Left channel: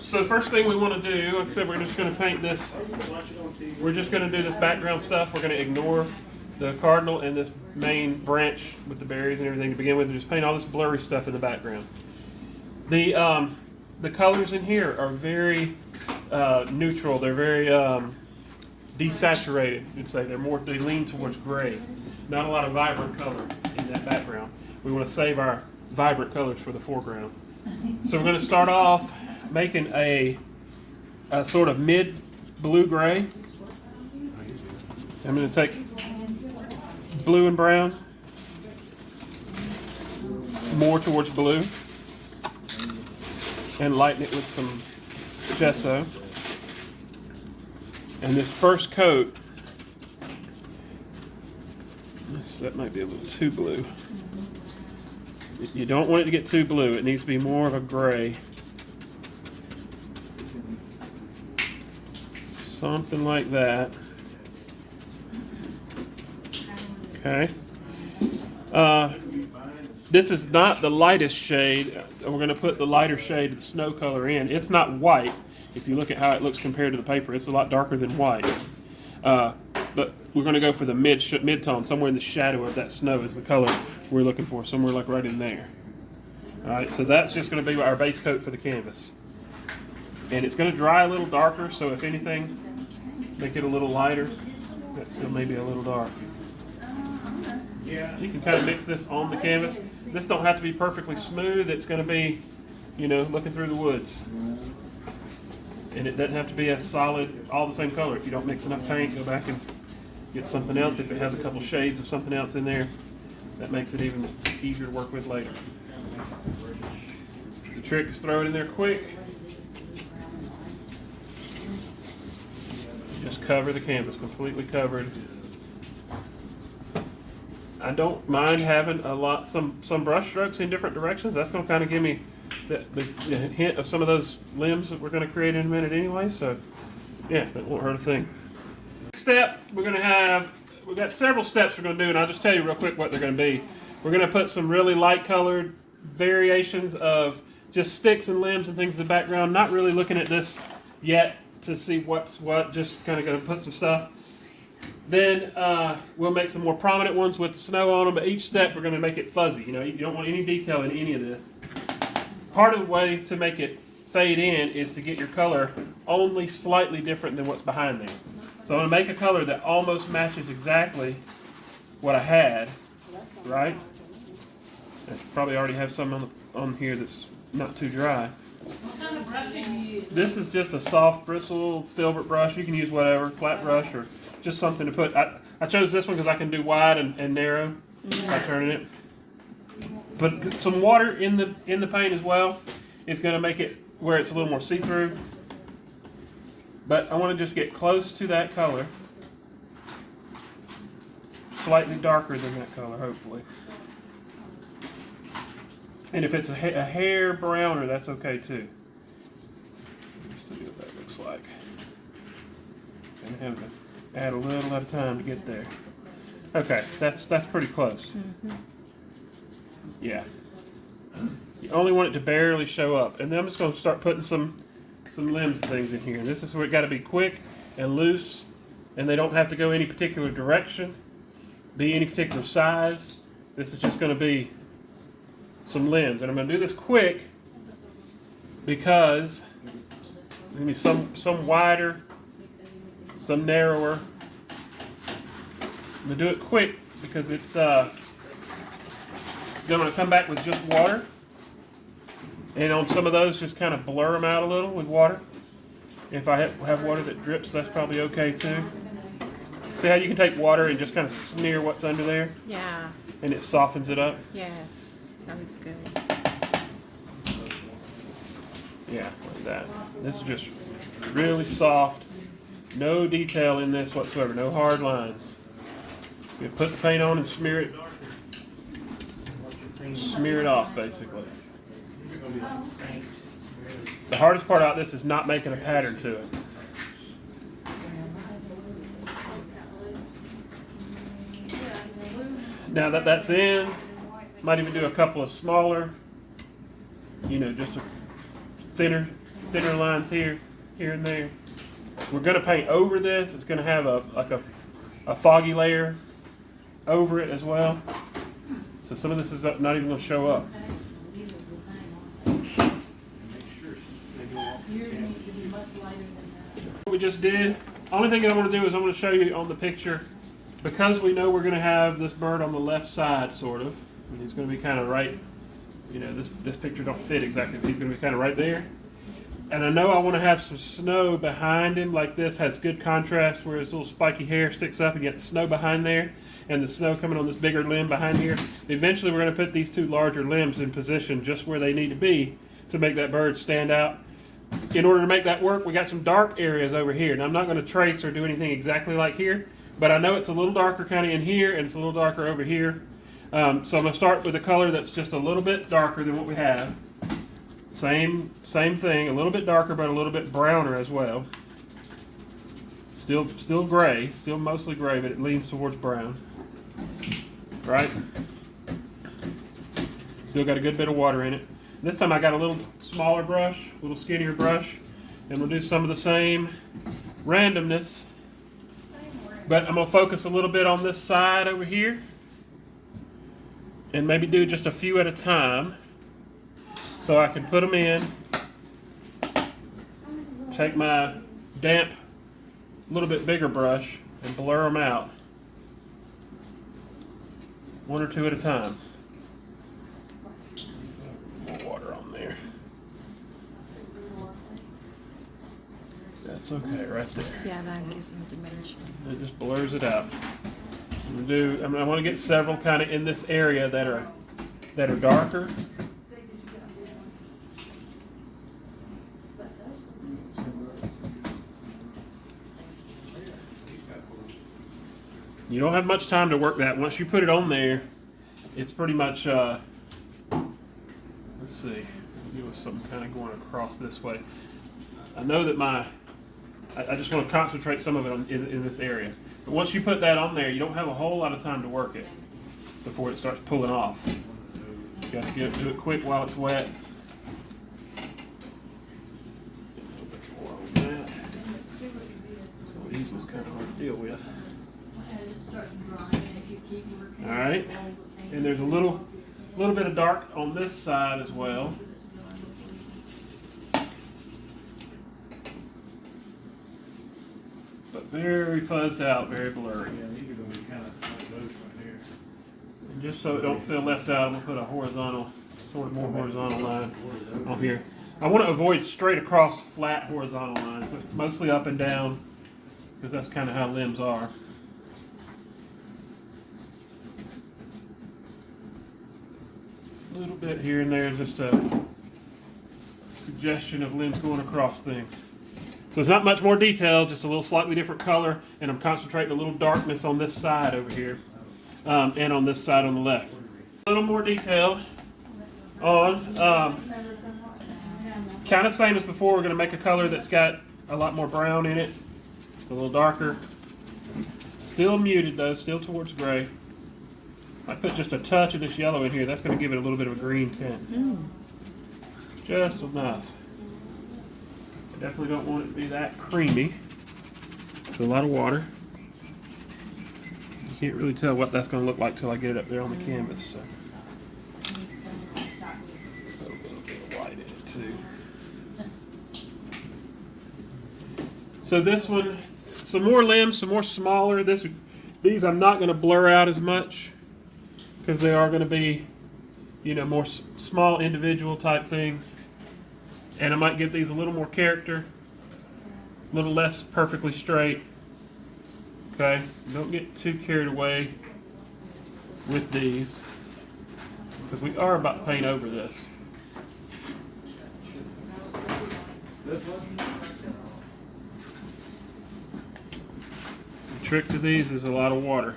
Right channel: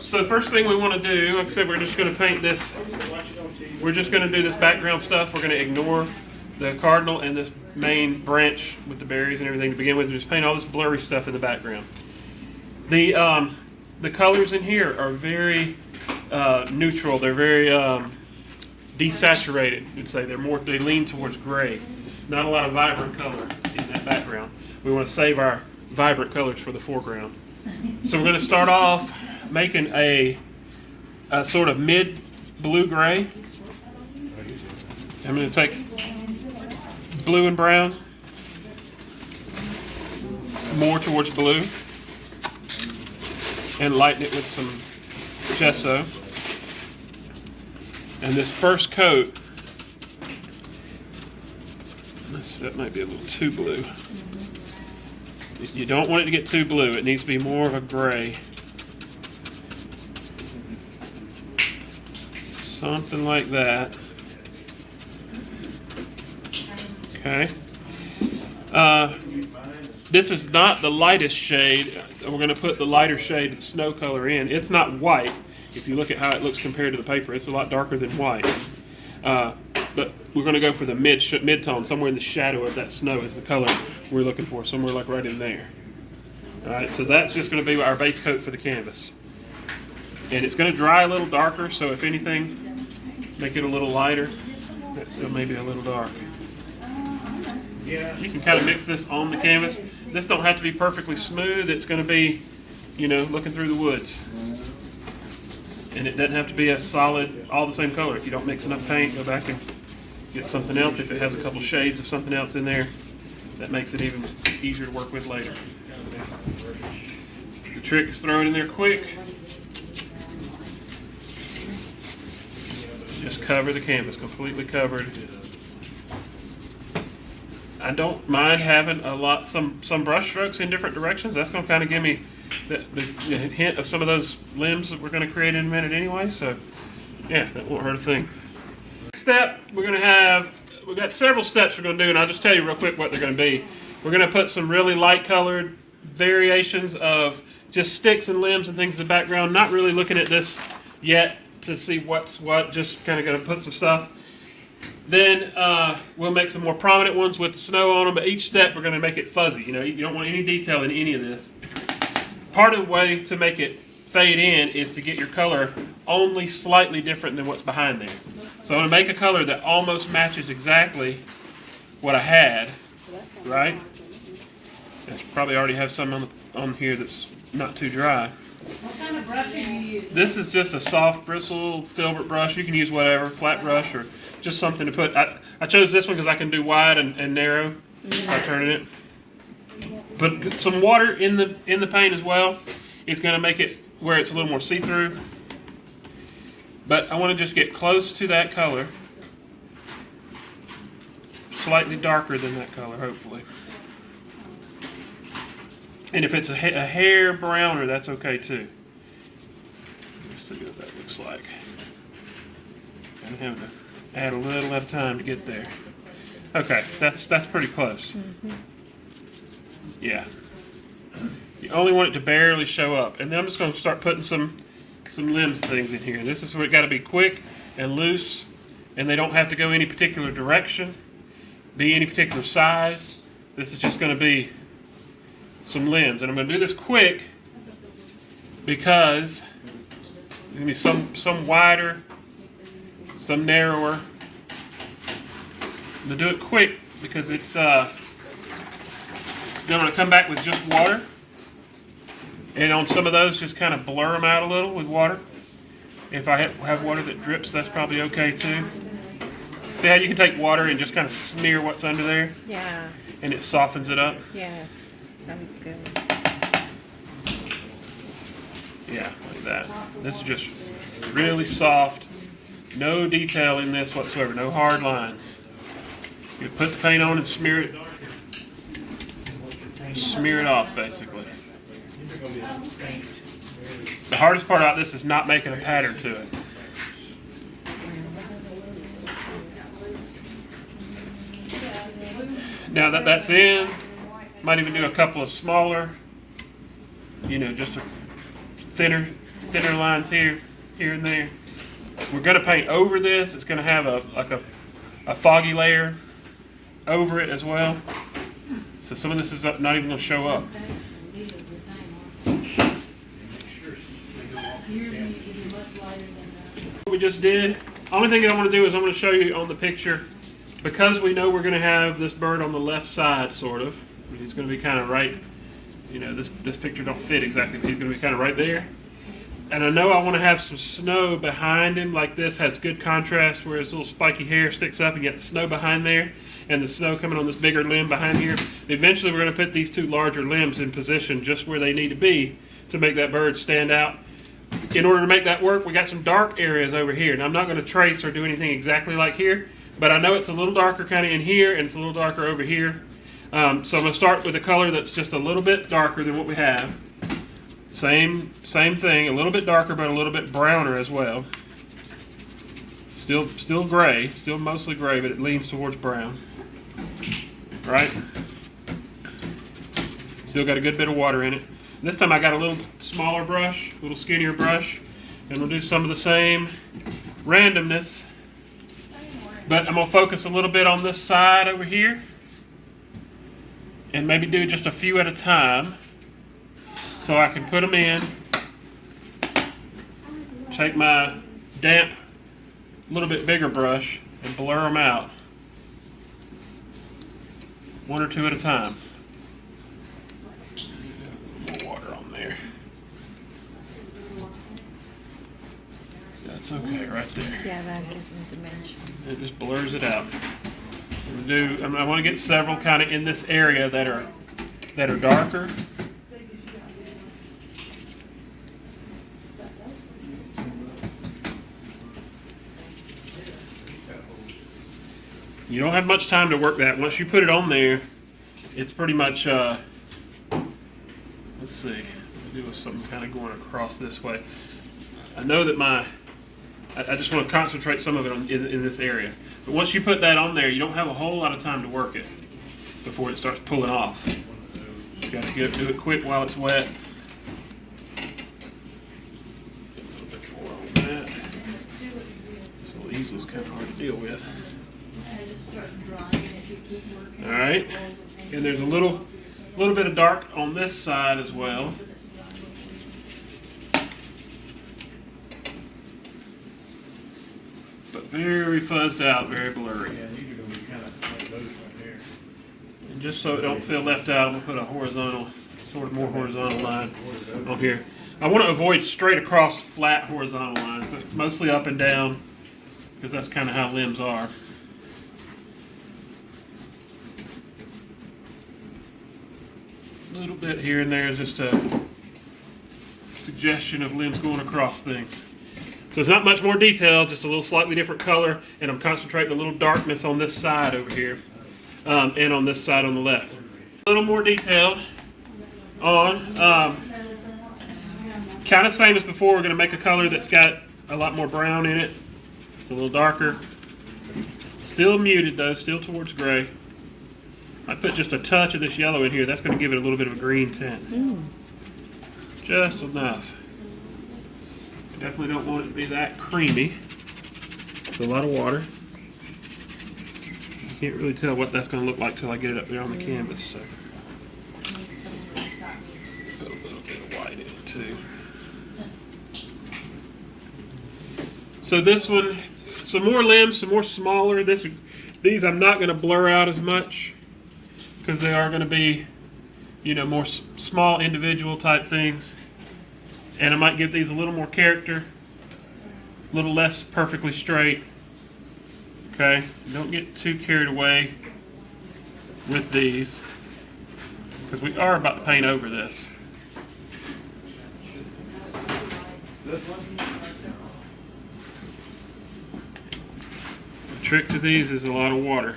So the first thing we want to do, like I said, we're just going to paint this. We're just going to do this background stuff. We're going to ignore the cardinal and this main branch with the berries and everything to begin with. Just paint all this blurry stuff in the background. The colors in here are very neutral. They're very desaturated. You'd say they lean towards gray. Not a lot of vibrant color in that background. We want to save our vibrant colors for the foreground. So we're going to start off making a sort of mid blue-gray. I'm going to take blue and brown, more towards blue, and lighten it with some gesso. And this first coat, that might be a little too blue. You don't want it to get too blue. It needs to be more of a gray. Something like that. Okay. This is not the lightest shade. We're going to put the lighter shade snow color in. It's not white. If you look at how it looks compared to the paper, it's a lot darker than white. But we're going to go for the mid-tone. Somewhere in the shadow of that snow is the color we're looking for. Somewhere like right in there. All right, so that's just going to be our base coat for the canvas. And it's going to dry a little darker, so if anything, make it a little lighter. That's still maybe a little dark. Yeah, you can kind of mix this on the canvas. This don't have to be perfectly smooth. It's going to be, looking through the woods. And it doesn't have to be a solid, all the same color. If you don't mix enough paint, go back and get something else. If it has a couple shades of something else in there, that makes it even easier to work with later. The trick is throw it in there quick. Just cover the canvas, completely covered. I don't mind having some brush strokes in different directions. That's going to kind of give me the hint of some of those limbs that we're going to create in a minute anyway. So, yeah, that won't hurt a thing. Next step, we've got several steps we're going to do, and I'll just tell you real quick what they're going to be. We're going to put some really light colored variations of just sticks and limbs and things in the background. Not really looking at this yet to see what's what, just kind of going to put some stuff. Then we'll make some more prominent ones with the snow on them, but each step we're going to make it fuzzy. You don't want any detail in any of this. Part of the way to make it fade in is to get your color only slightly different than what's behind there. So I'm going to make a color that almost matches exactly what I had, right? I should probably already have some on here that's not too dry. What kind of brush are you using? This is just a soft bristle filbert brush. You can use whatever, flat brush or just something to put. I chose this one because I can do wide and narrow by turning it. Put some water in the paint as well. It's going to make it where it's a little more see-through. But I want to just get close to that color. Slightly darker than that color, hopefully. And if it's a hair browner, that's okay too. Let's see what that looks like. I have to add a little at a time to get there. Okay, that's pretty close. Mm-hmm. Yeah. You only want it to barely show up. And then I'm just going to start putting some limbs and things in here. This is where it got to be quick and loose, and they don't have to go any particular direction, be any particular size. This is just going to be some limbs. And I'm going to do this quick because there's going to be some wider, some narrower. I'm going to do it quick because it's then I'm going to come back with just water. And on some of those, just kind of blur them out a little with water. If I have water that drips, that's probably okay too. See how you can take water and just kind of smear what's under there? Yeah. And it softens it up? Yes. Sounds good. Yeah, like that. This is just really soft. No detail in this whatsoever. No hard lines. You put the paint on and smear it. Smear it off, basically. The hardest part about this is not making a pattern to it. Now that that's in, might even do a couple of smaller, just a thinner thinner lines here and there. We're going to paint over this. It's going to have a foggy layer over it as well. So some of this is not even going to show up. What we just did, only thing I want to do is I'm going to show you on the picture, because we know we're going to have this bird on the left side, sort of. He's going to be kind of right, you know, this picture don't fit exactly, but he's going to be kind of right there. And I know I want to have some snow behind him like this, has good contrast where his little spiky hair sticks up and you get the snow behind there and the snow coming on this bigger limb behind here. Eventually we're going to put these two larger limbs in position just where they need to be to make that bird stand out. In order to make that work, we got some dark areas over here. And I'm not going to trace or do anything exactly like here, but I know it's a little darker kind of in here and it's a little darker over here. So I'm going to start with a color that's just a little bit darker than what we have. Same thing, a little bit darker, but a little bit browner as well. Still gray, still mostly gray, but it leans towards brown. Right? Still got a good bit of water in it. This time I got a little smaller brush, a little skinnier brush, and we'll do some of the same randomness. But I'm gonna focus a little bit on this side over here, and maybe do just a few at a time. So I can put them in, take my damp, little bit bigger brush and blur them out. One or two at a time. More water on there. That's okay right there. Yeah, that gives them dimension. It just blurs it out. I want to get several kind of in this area that are darker. You don't have much time to work that. Once you put it on there, it's pretty much, let's see, I'll do something kind of going across this way. I know that I just want to concentrate some of it in this area. But once you put that on there, you don't have a whole lot of time to work it before it starts pulling off. You got to do it quick while it's wet. A little bit more on that. So the easel's kind of hard to deal with. All right, and there's a little bit of dark on this side as well. But very fuzzed out, very blurry. Yeah, these are going to be kind of like those right there. And just so it don't feel left out, I'm going to put a horizontal, sort of more horizontal line on here. I want to avoid straight across flat horizontal lines, but mostly up and down, because that's kind of how limbs are. A little bit here and there is just a suggestion of limbs going across things. So it's not much more detail, just a little slightly different color, and I'm concentrating a little darkness on this side over here, and on this side on the left. A little more detail on, kind of same as before, we're going to make a color that's got a lot more brown in it. It's a little darker. Still muted though, still towards gray. I put just a touch of this yellow in here. That's going to give it a little bit of a green tint. Just enough. I definitely don't want it to be that creamy. It's a lot of water. You can't really tell what that's going to look like till I get it up there on the canvas. So. Put a little bit of white in it too. So this one, some more limbs, some more smaller. These I'm not going to blur out as much, because they are going to be, you know, more small individual type things. And I might give these a little more character, a little less perfectly straight. Okay, don't get too carried away with these, because we are about to paint over this. The trick to these is a lot of water.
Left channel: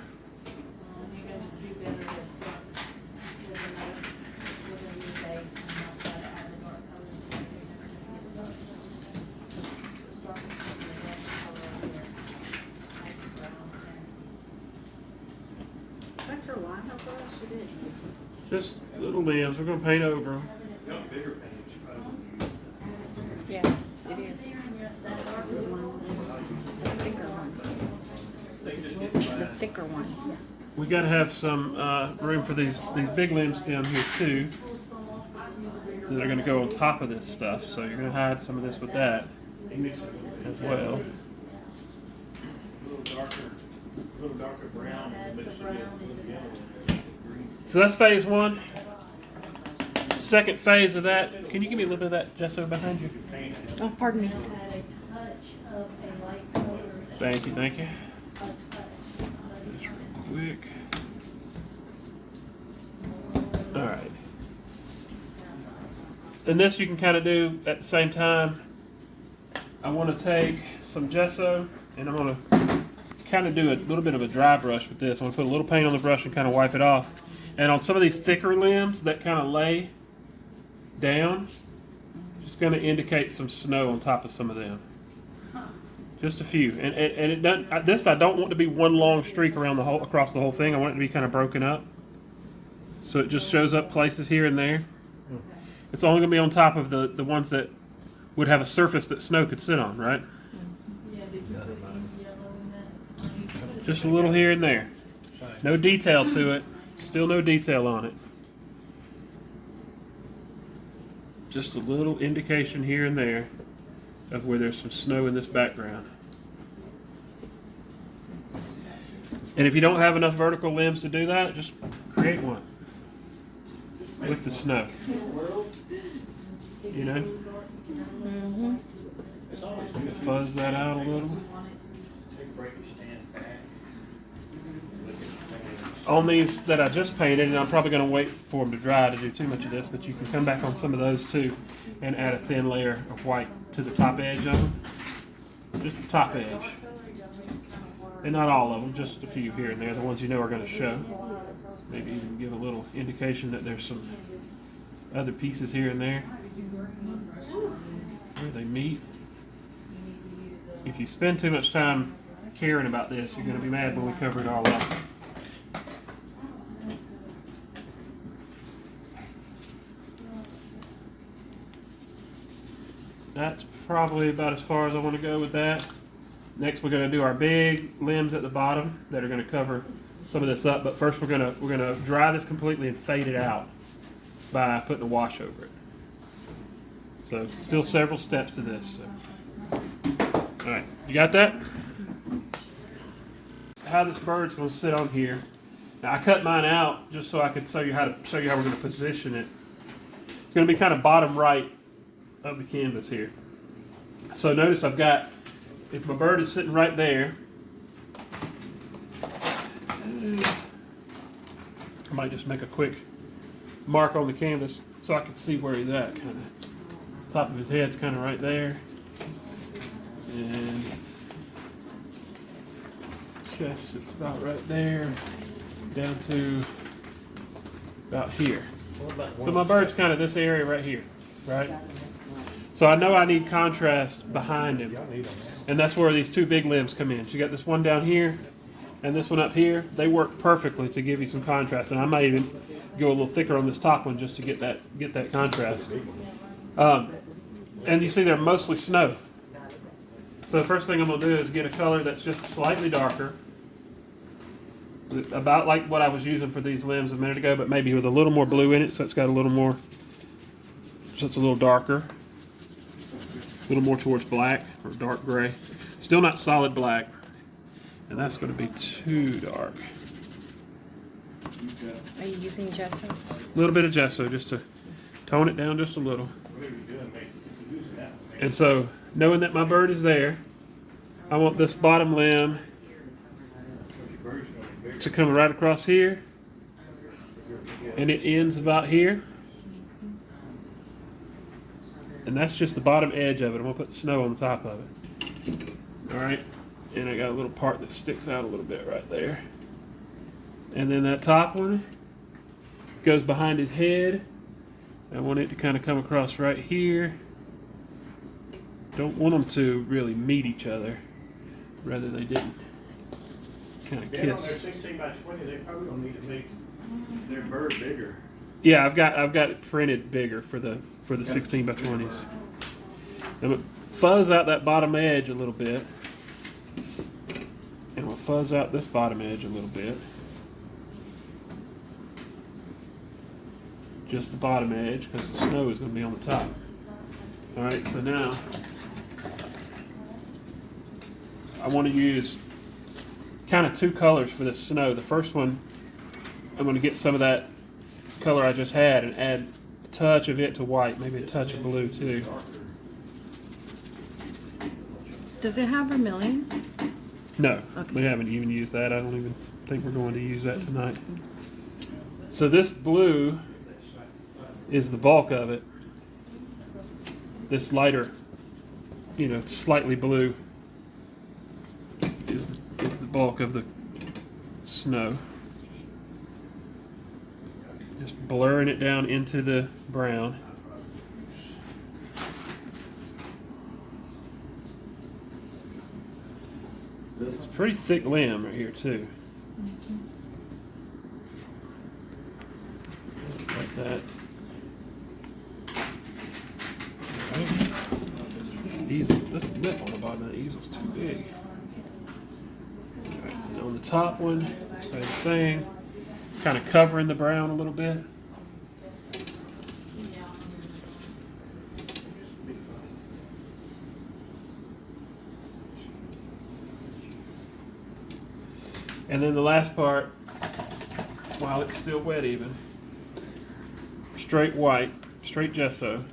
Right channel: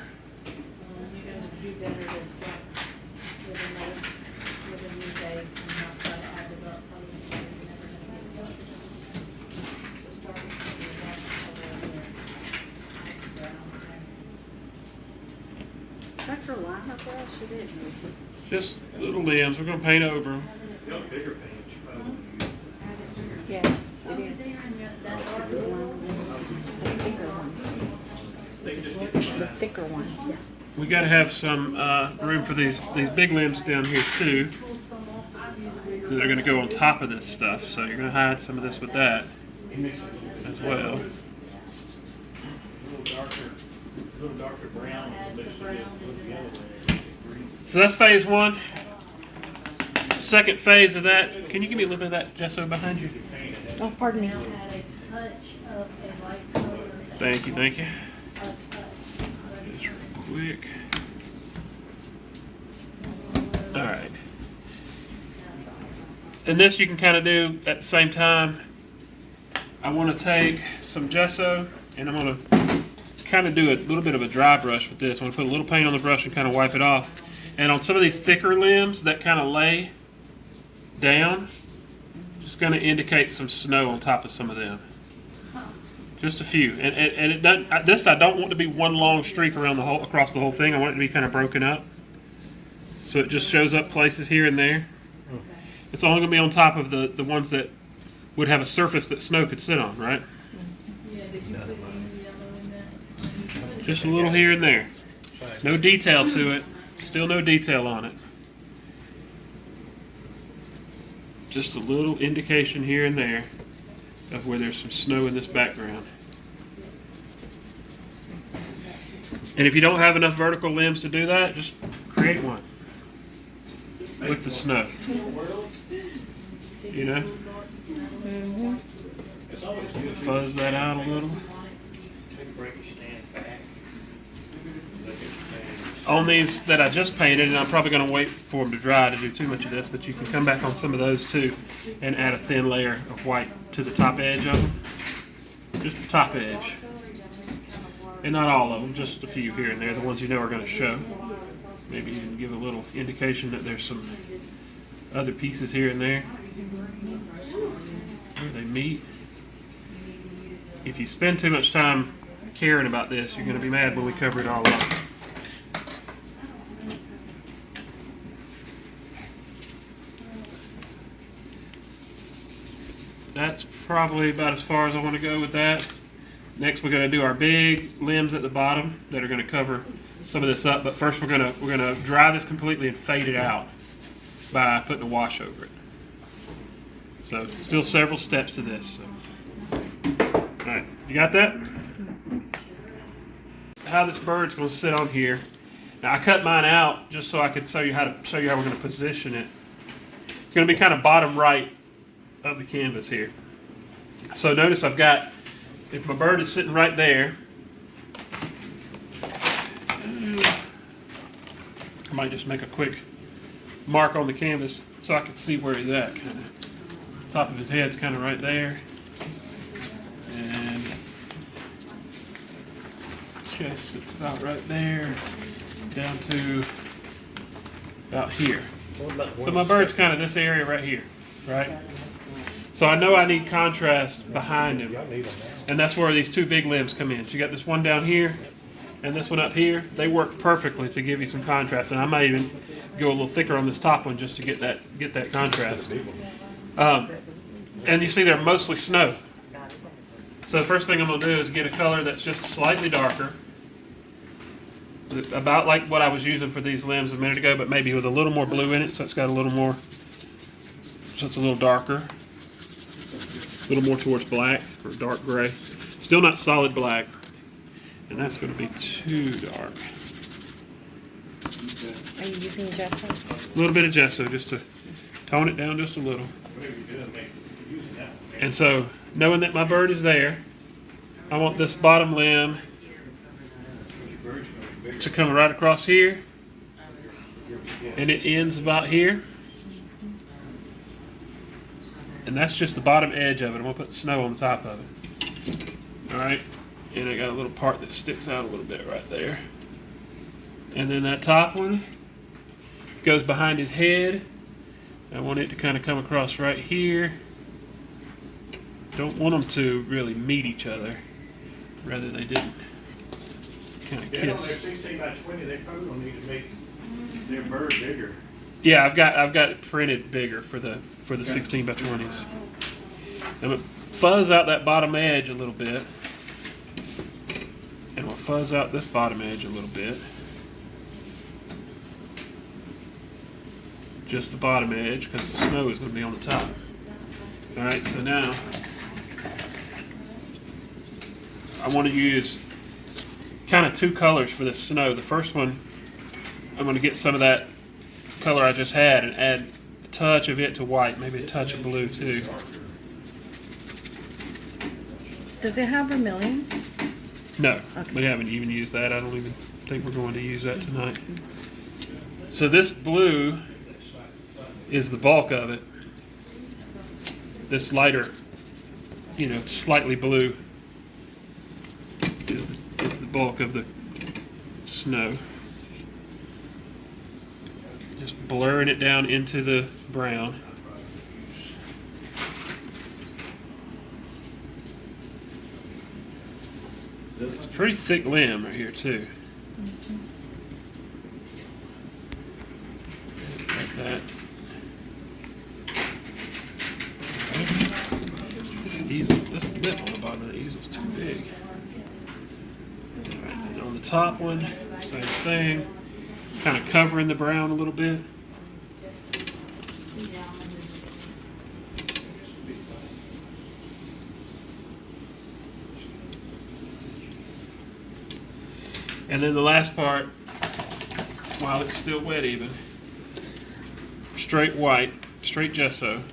Just little limbs. We're going to paint over them. Bigger page. Yes. It's a thicker one. The thicker one. We got to have some room for these big limbs down here too. That are going to go on top of this stuff, so you're going to hide some of this with that as well. A little darker brown. So that's phase one. Second phase of that. Can you give me a little bit of that gesso behind you? Oh, pardon me. Thank you, thank you. Just real quick. All right. And this you can kind of do at the same time. I want to take some gesso and I'm going to kind of do a little bit of a dry brush with this. I'm going to put a little paint on the brush and kind of wipe it off. And on some of these thicker limbs that kind of lay down, just going to indicate some snow on top of some of them. Just a few. And it doesn't, this I don't want to be one long streak around the whole, across the whole thing. I want it to be kind of broken up. So it just shows up places here and there. It's only going to be on top of the ones that would have a surface that snow could sit on, right? Just a little here and there. No detail to it. Still no detail on it. Just a little indication here and there of where there's some snow in this background. And if you don't have enough vertical limbs to do that, just create one with the snow. You know? Mm-hmm. It's always good. Fuzz that out a little. Break your stand back. On these that I just painted, and I'm probably going to wait for them to dry to do too much of this, but you can come back on some of those too and add a thin layer of white to the top edge of them. Just the top edge. And not all of them, just a few here and there, the ones you know are going to show. Maybe even give a little indication that there's some other pieces here and there where they meet. If you spend too much time caring about this, you're going to be mad when we cover it all up. That's probably about as far as I want to go with that. Next, we're going to do our big limbs at the bottom that are going to cover some of this up. But first, we're going to dry this completely and fade it out by putting a wash over it. So, still several steps to this. So. All right, you got that? How this bird's going to sit on here. Now, I cut mine out just so I could show you how we're going to position it. It's going to be kind of bottom right of the canvas here. So notice I've got, if my bird is sitting right there, I might just make a quick mark on the canvas so I can see where he's at. Kind of top of his head's kind of right there, and chest sits about right there, down to about here. So my bird's kind of this area right here, right? So I know I need contrast behind him, and that's where these two big limbs come in. So you got this one down here and this one up here. They work perfectly to give you some contrast, and I might even go a little thicker on this top one just to get that contrast. And you see they're mostly snow. So the first thing I'm going to do is get a color that's just slightly darker, about like what I was using for these limbs a minute ago, but maybe with a little more blue in it, so it's got a little more, so it's a little darker. A little more towards black or dark gray. Still not solid black. And that's going to be too dark. Are you using gesso? A little bit of gesso just to tone it down just a little. And so, knowing that my bird is there, I want this bottom limb to come right across here. And it ends about here. And that's just the bottom edge of it. I'm going to put snow on the top of it. Alright? And I got a little part that sticks out a little bit right there. And then that top one goes behind his head. I want it to kind of come across right here. Don't want them to really meet each other. Rather they didn't kind of Then on kiss. their 16 by 20, they probably don't need to make their bird bigger. Yeah, I've got it printed bigger for the 16 by 20s. And fuzz out that bottom edge a little bit. And we'll fuzz out this bottom edge a little bit. Just the bottom edge, because the snow is going to be on the top. Alright, so now I want to use kind of two colors for this snow. The first one, I'm going to get some of that color I just had and add a touch of it to white, maybe a touch of blue too. Does it have vermilion? No, Okay. we haven't even used that. I don't even think we're going to use that tonight. So this blue is the bulk of it. This lighter, slightly blue is the bulk of the snow. Just blurring it down into the brown. It's a pretty thick limb right here too. Like that. This lip on the bottom of the easel is too big. Alright, and on the top one, same thing. Kind of covering the brown a little bit. And then the last part, while it's still wet even, straight white, straight gesso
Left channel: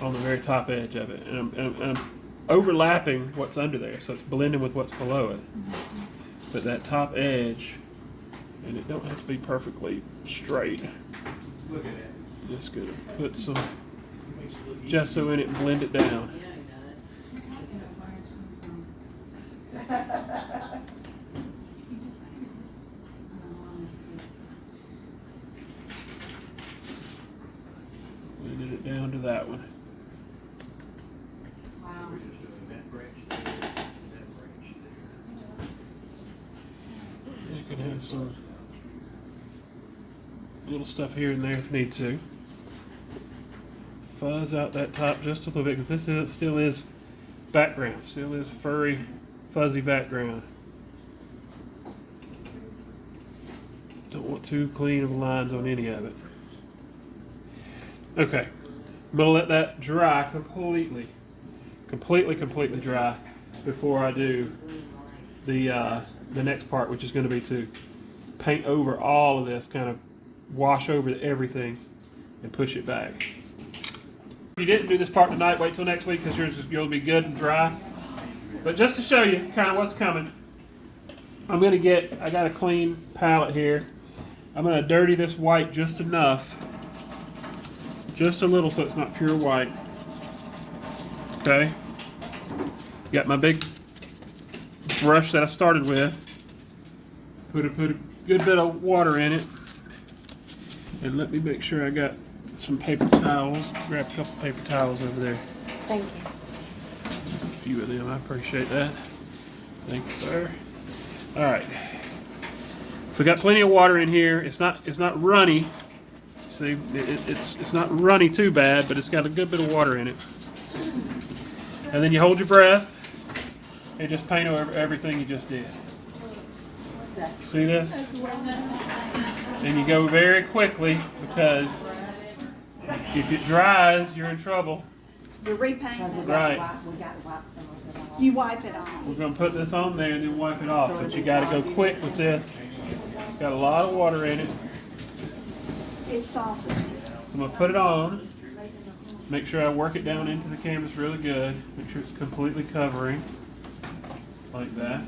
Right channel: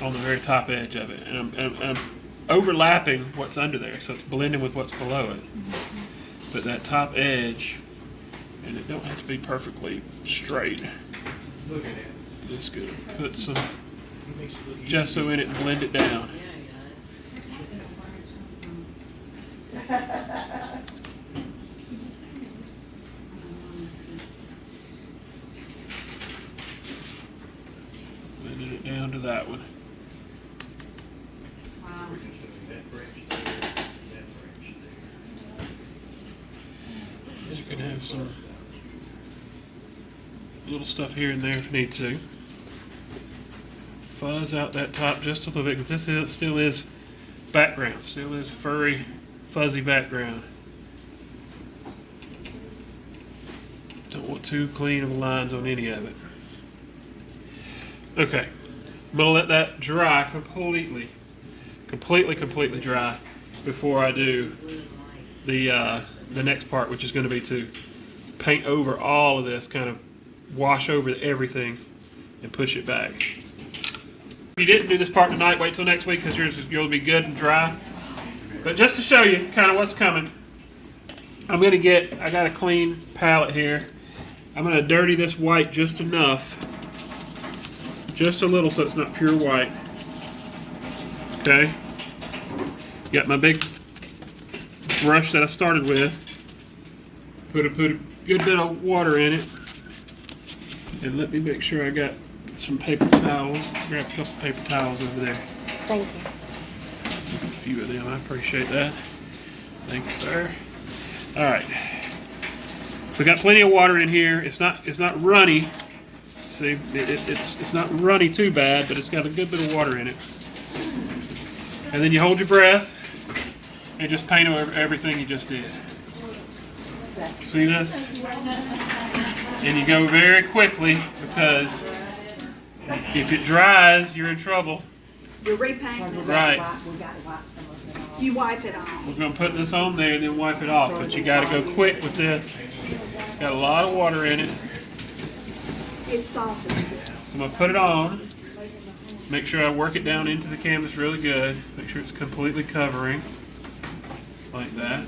on the very top edge of it. And I'm overlapping what's under there, so it's blending with what's below it. But that top edge, and it don't have to be perfectly straight. Look at that. Just gonna put some gesso in it and blend it down. Blended it down to that one. We're just doing that branch there, that branch there. You can have some little stuff here and there if need to. Fuzz out that top just a little bit, because still is background, still is furry, fuzzy background. Don't want too clean of lines on any of it. Okay, I'm gonna let that dry completely dry before I do the next part, which is going to be to paint over all of this, kind of wash over everything and push it back. If you didn't do this part tonight, wait till next week, because you'll be good and dry. But just to show you kind of what's coming, I got a clean palette here. I'm going to dirty this white just enough, just a little, so it's not pure white. Okay. Got my big brush that I started with. Put a good bit of water in it. And let me make sure I got some paper towels. Grab a couple paper towels over there. Thank you. Just a few of them. I appreciate that. Thank you, sir. All right. So got plenty of water in here. It's not runny. See, it's not runny too bad, but it's got a good bit of water in it. And then you hold your breath and just paint over everything you just did. See this? And you go very quickly, because if it dries, you're in trouble. You repaint, Right. you wipe it off. We're going to put this on there and then wipe it off, but you got to go quick with this. It's got a lot of water in it. It softens it. So I'm going to put it on. Make sure I work it down into the canvas really good. Make sure it's completely covering, like that.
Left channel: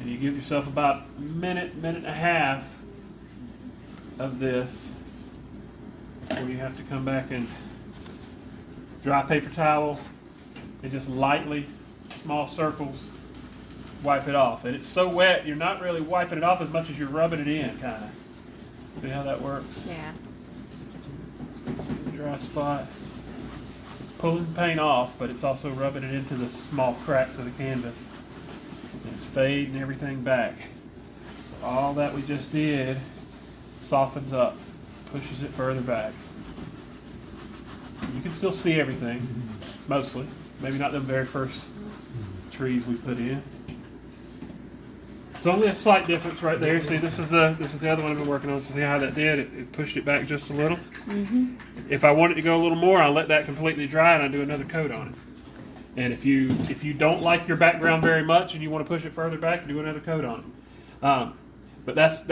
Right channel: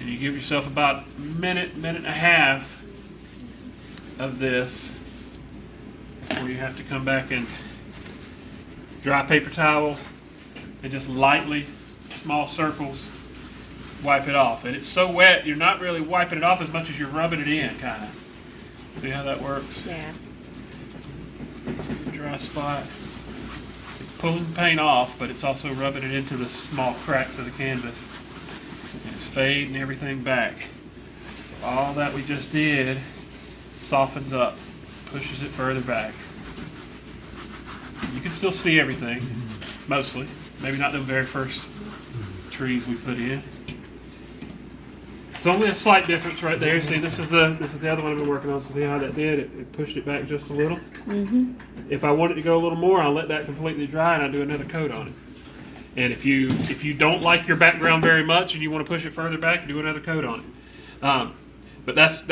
And you give yourself about a minute and a half of this before you have to come back and dry paper towel and just lightly, small circles, wipe it off. And it's so wet, you're not really wiping it off as much as you're rubbing it in, kind of. See how that works? Yeah. Dry spot. It's pulling the paint off, but it's also rubbing it into the small cracks of the canvas. And it's fading everything back. So all that we just did softens up, pushes it further back. You can still see everything. mostly. Maybe not the very first trees we put in. It's only a slight difference right there. See, this is the other one I've been working on. So see how that did? It pushed it back just a little. If I want it to go a little more, I'll let that completely dry and I'll do another coat on it. And if you don't like your background very much and you want to push it further back, do another coat on it. But that's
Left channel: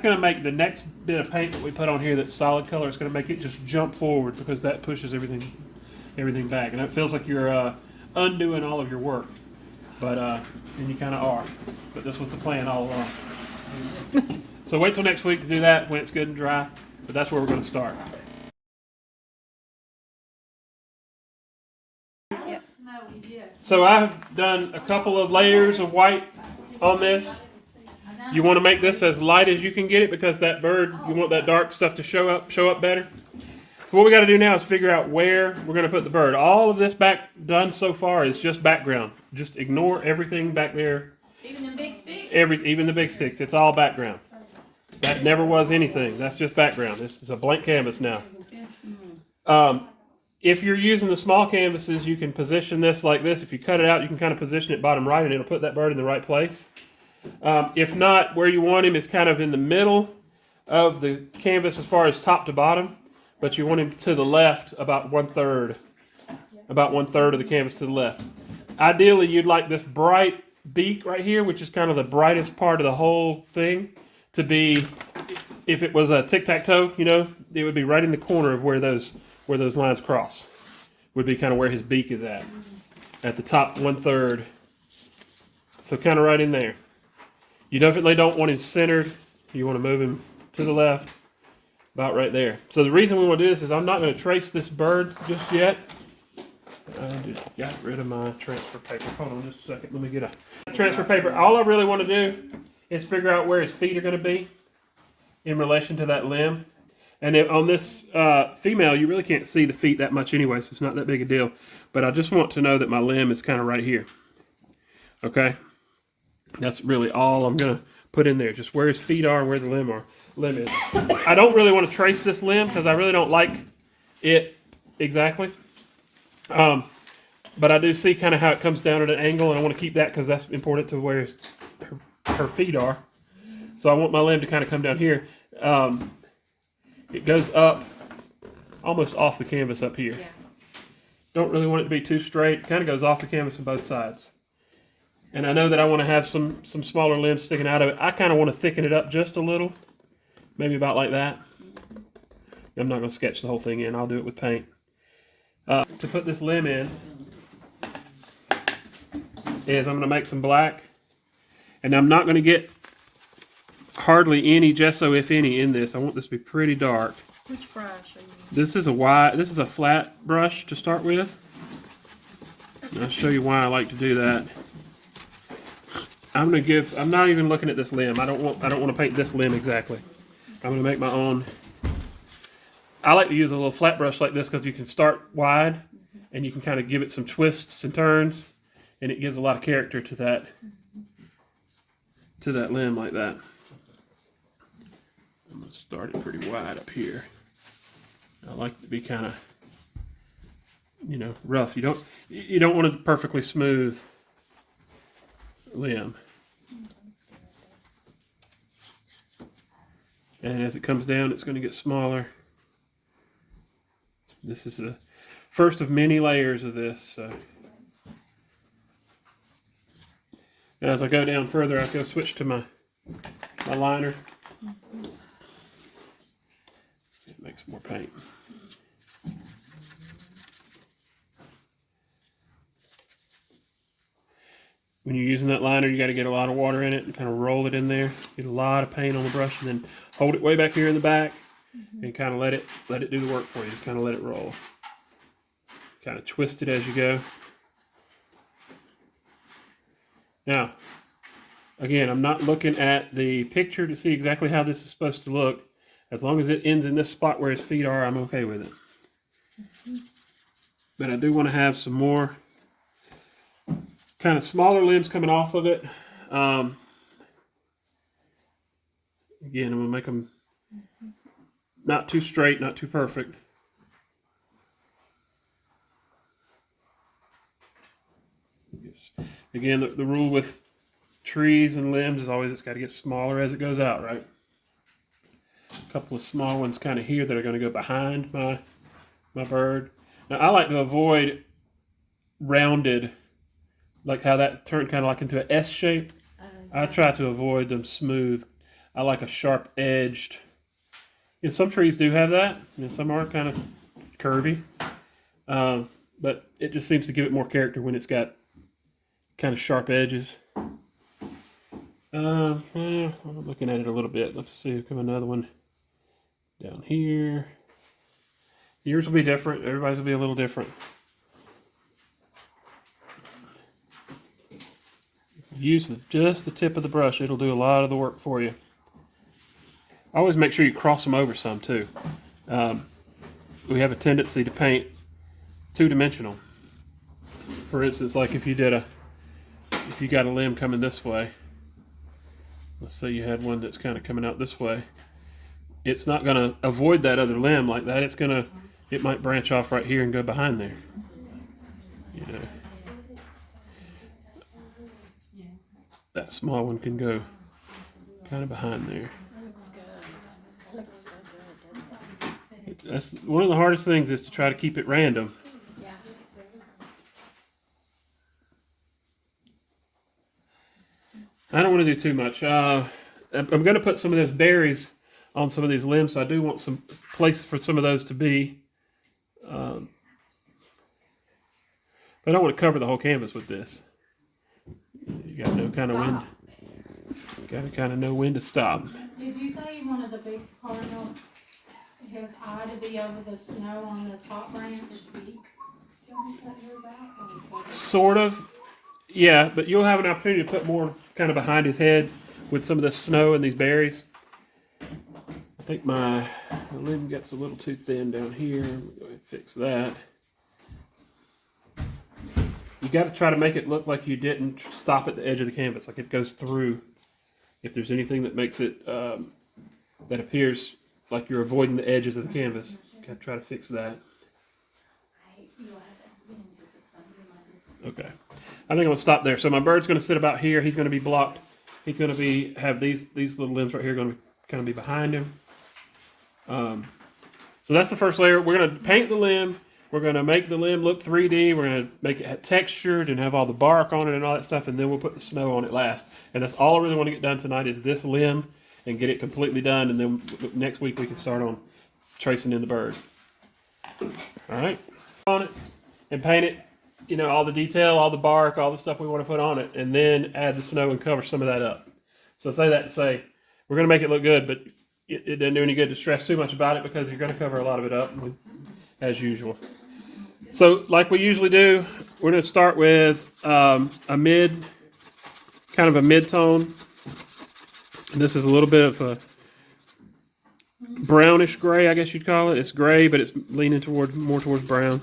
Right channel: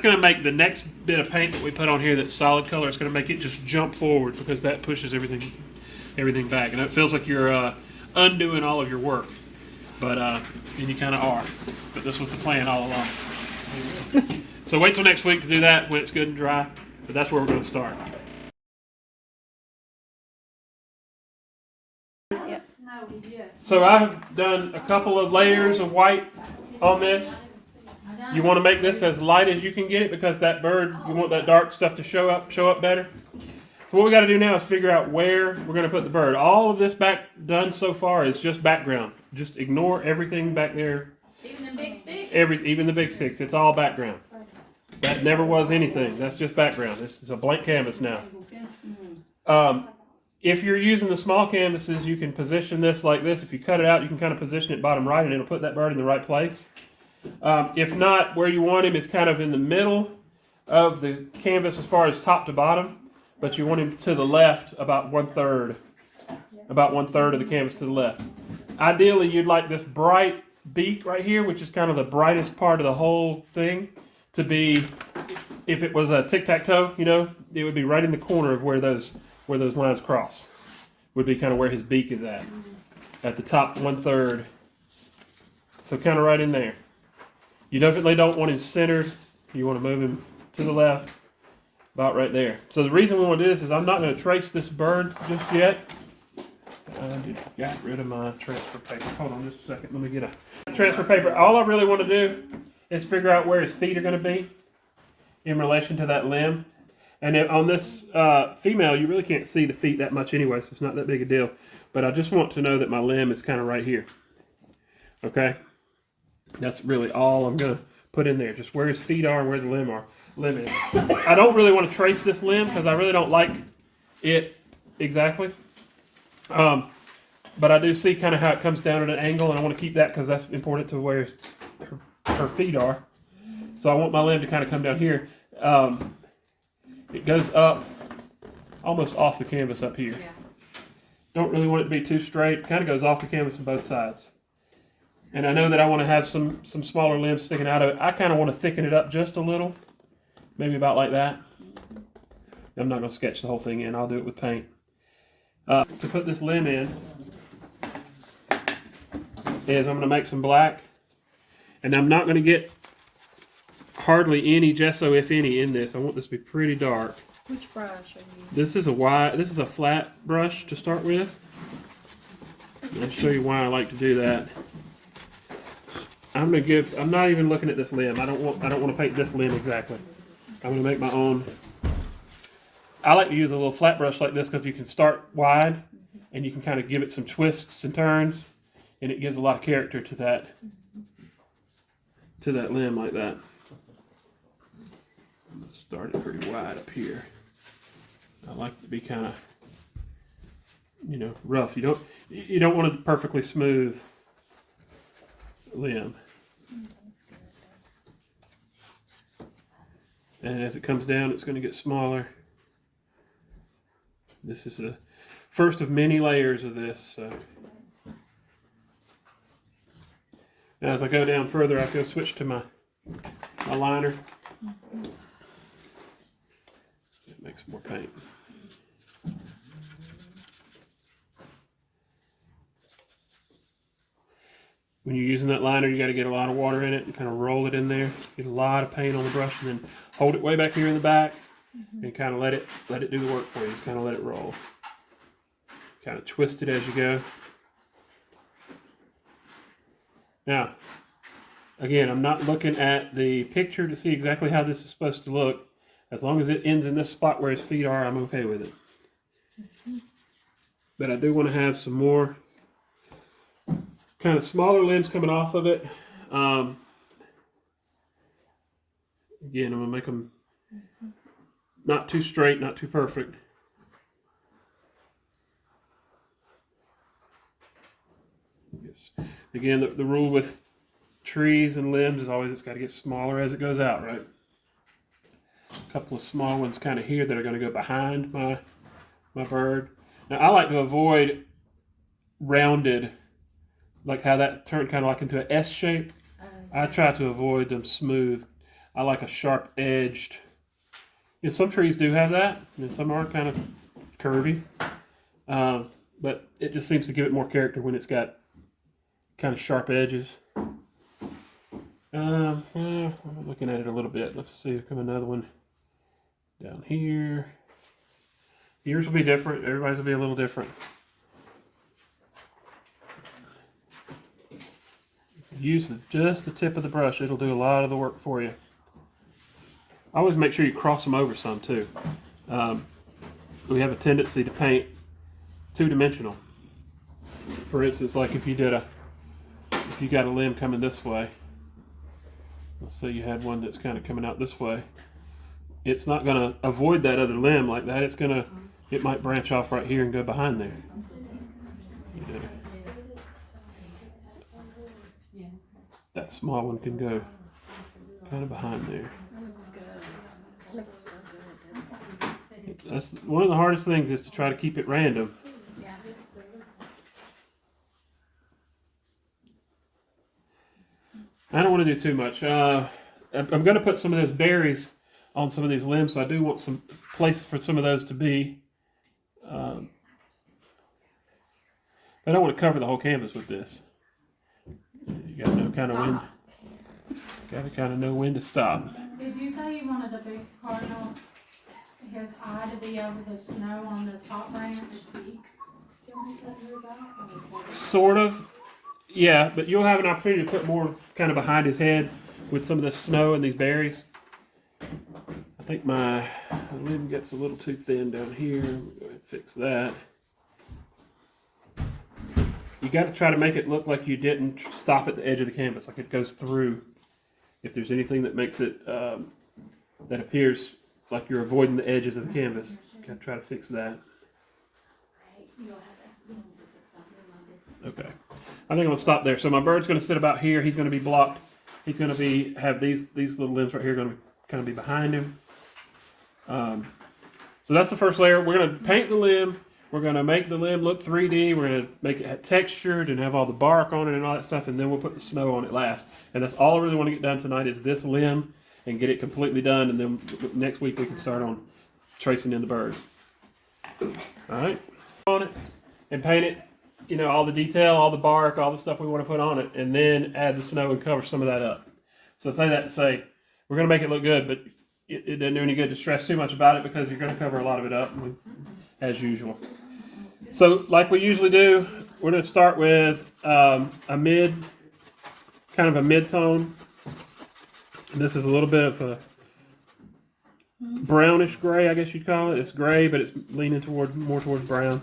going to make the next bit of paint that we put on here that's solid color. It's going to make it just jump forward because that pushes everything back, and it feels like you're undoing all of your work. But and you kind of are. But this was the plan all along. So wait till next week to do that when it's good and dry. But that's where we're going to start. So I've done a couple of layers of white on this. You want to make this as light as you can get it because that bird, you want that dark stuff to show up better. So what we got to do now is figure out where we're going to put the bird. All of this back done so far is just background. Just ignore everything back there. Even the big sticks? Even the big sticks. It's all background. That never was anything. That's just background. This is a blank canvas now. If you're using the small canvases, you can position this like this. If you cut it out, you can kind of position it bottom right and it'll put that bird in the right place. If not, where you want him is kind of in the middle of the canvas as far as top to bottom, but you want him to the left about 1/3 of the canvas to the left. Ideally, you'd like this bright beak right here, which is kind of the brightest part of the whole thing, to be, if it was a tic-tac-toe, it would be right in the corner of where those lines cross. Would be kind of where his beak is at the top 1/3. So kind of right in there. You definitely don't want him centered. You want to move him to the left, about right there. So the reason we want to do this is I'm not going to trace this bird just yet. I just got rid of my transfer paper. Hold on just a second. Let me get a transfer paper. All I really want to do is figure out where his feet are going to be in relation to that limb. And if on this female, you really can't see the feet that much anyway, so it's not that big a deal. But I just want to know that my limb is kind of right here. Okay? That's really all I'm going to put in there. Just where his feet are and where the limb is. I don't really want to trace this limb because I really don't like it exactly. But I do see kind of how it comes down at an angle, and I want to keep that because that's important to where her feet are. So I want my limb to kind of come down here. It goes up almost off the canvas up here. Don't really want it to be too straight. It kind of goes off the canvas on both sides. And I know that I want to have some smaller limbs sticking out of it. I kind of want to thicken it up just a little. Maybe about like that. I'm not going to sketch the whole thing in. I'll do it with paint. To put this limb in is I'm going to make some black. And I'm not going to get hardly any gesso, if any, in this. I want this to be pretty dark. Which brush are you using? This is a flat brush to start with. And I'll show you why I like to do that. I'm not even looking at this limb. I don't want to paint this limb exactly. I'm going to make my own. I like to use a little flat brush like this because you can start wide and you can kind of give it some twists and turns, and it gives a lot of character to that limb like that. I'm going to start it pretty wide up here. I like it to be kind of, rough. You don't want a perfectly smooth limb. And as it comes down, it's going to get smaller. This is the first of many layers of this. So. And as I go down further, I go switch to my liner. Make some more paint. When you're using that liner, you got to get a lot of water in it and kind of roll it in there. Get a lot of paint on the brush, and then hold it way back here in the back, and kind of let it do the work for you. Just kind of let it roll. Kind of twist it as you go. Now, again, I'm not looking at the picture to see exactly how this is supposed to look. As long as it ends in this spot where his feet are, I'm okay with it. But I do want to have some more kind of smaller limbs coming off of it. Again, I'm going to make them not too straight, not too perfect. Again, the rule with trees and limbs is always it's got to get smaller as it goes out, right? A couple of small ones kind of here that are going to go behind my bird. Now I like to avoid rounded, like how that turned kind of like into an S shape. I try to avoid them smooth. I like a sharp edged. You know, some trees do have that, and some are kind of curvy. But it just seems to give it more character when it's got kind of sharp edges. I'm looking at it a little bit. Let's see, come another one down here. Yours will be different. Everybody's will be a little different. Use just the tip of the brush. It'll do a lot of the work for you. Always make sure you cross them over some too. We have a tendency to paint two-dimensional. For instance, like if you got a limb coming this way, let's say you had one that's kind of coming out this way, it's not going to avoid that other limb like that. It might branch off right here and go behind there. You know, that small one can go kind of behind there. That looks good. That looks so good, doesn't it? That's one of the hardest things, is to try to keep it random. Yeah. I don't want to do too much. I'm going to put some of those berries on some of these limbs, so I do want some place for some of those to be. I don't want to cover the whole canvas with this. You got to know kind of when. Got to kind of know when to stop. Did you say you wanted the big cardinal, his eye to be over the snow on the top branch? Don't you cut yours out? Or is that- Sort of. Yeah, but you'll have an opportunity to put more kind of behind his head with some of the snow and these berries. I think my limb gets a little too thin down here. We'll go ahead and fix that. You got to try to make it look like you didn't stop at the edge of the canvas, like it goes through. If there's anything that makes it, that appears like you're avoiding the edges of the canvas, you got to try to fix that. Okay. I think I'm going to stop there. So my bird's going to sit about here. He's going to be blocked. He's going to have these little limbs right here going to kind of be behind him. So that's the first layer. We're going to paint the limb. We're going to make the limb look 3D. We're going to make it textured and have all the bark on it and all that stuff. And then we'll put the snow on it last. And that's all I really want to get done tonight, is this limb and get it completely done. And then next week we can start on tracing in the bird. All right. On it and paint it. You know, all the detail, all the bark, all the stuff we want to put on it, and then add the snow and cover some of that up. So I say that to say, we're going to make it look good, but it doesn't do any good to stress too much about it, because you're going to cover a lot of it up, as usual. So like we usually do, we're going to start with kind of a mid-tone. This is a little bit of a brownish gray, I guess you'd call it. It's gray, but it's leaning more towards brown.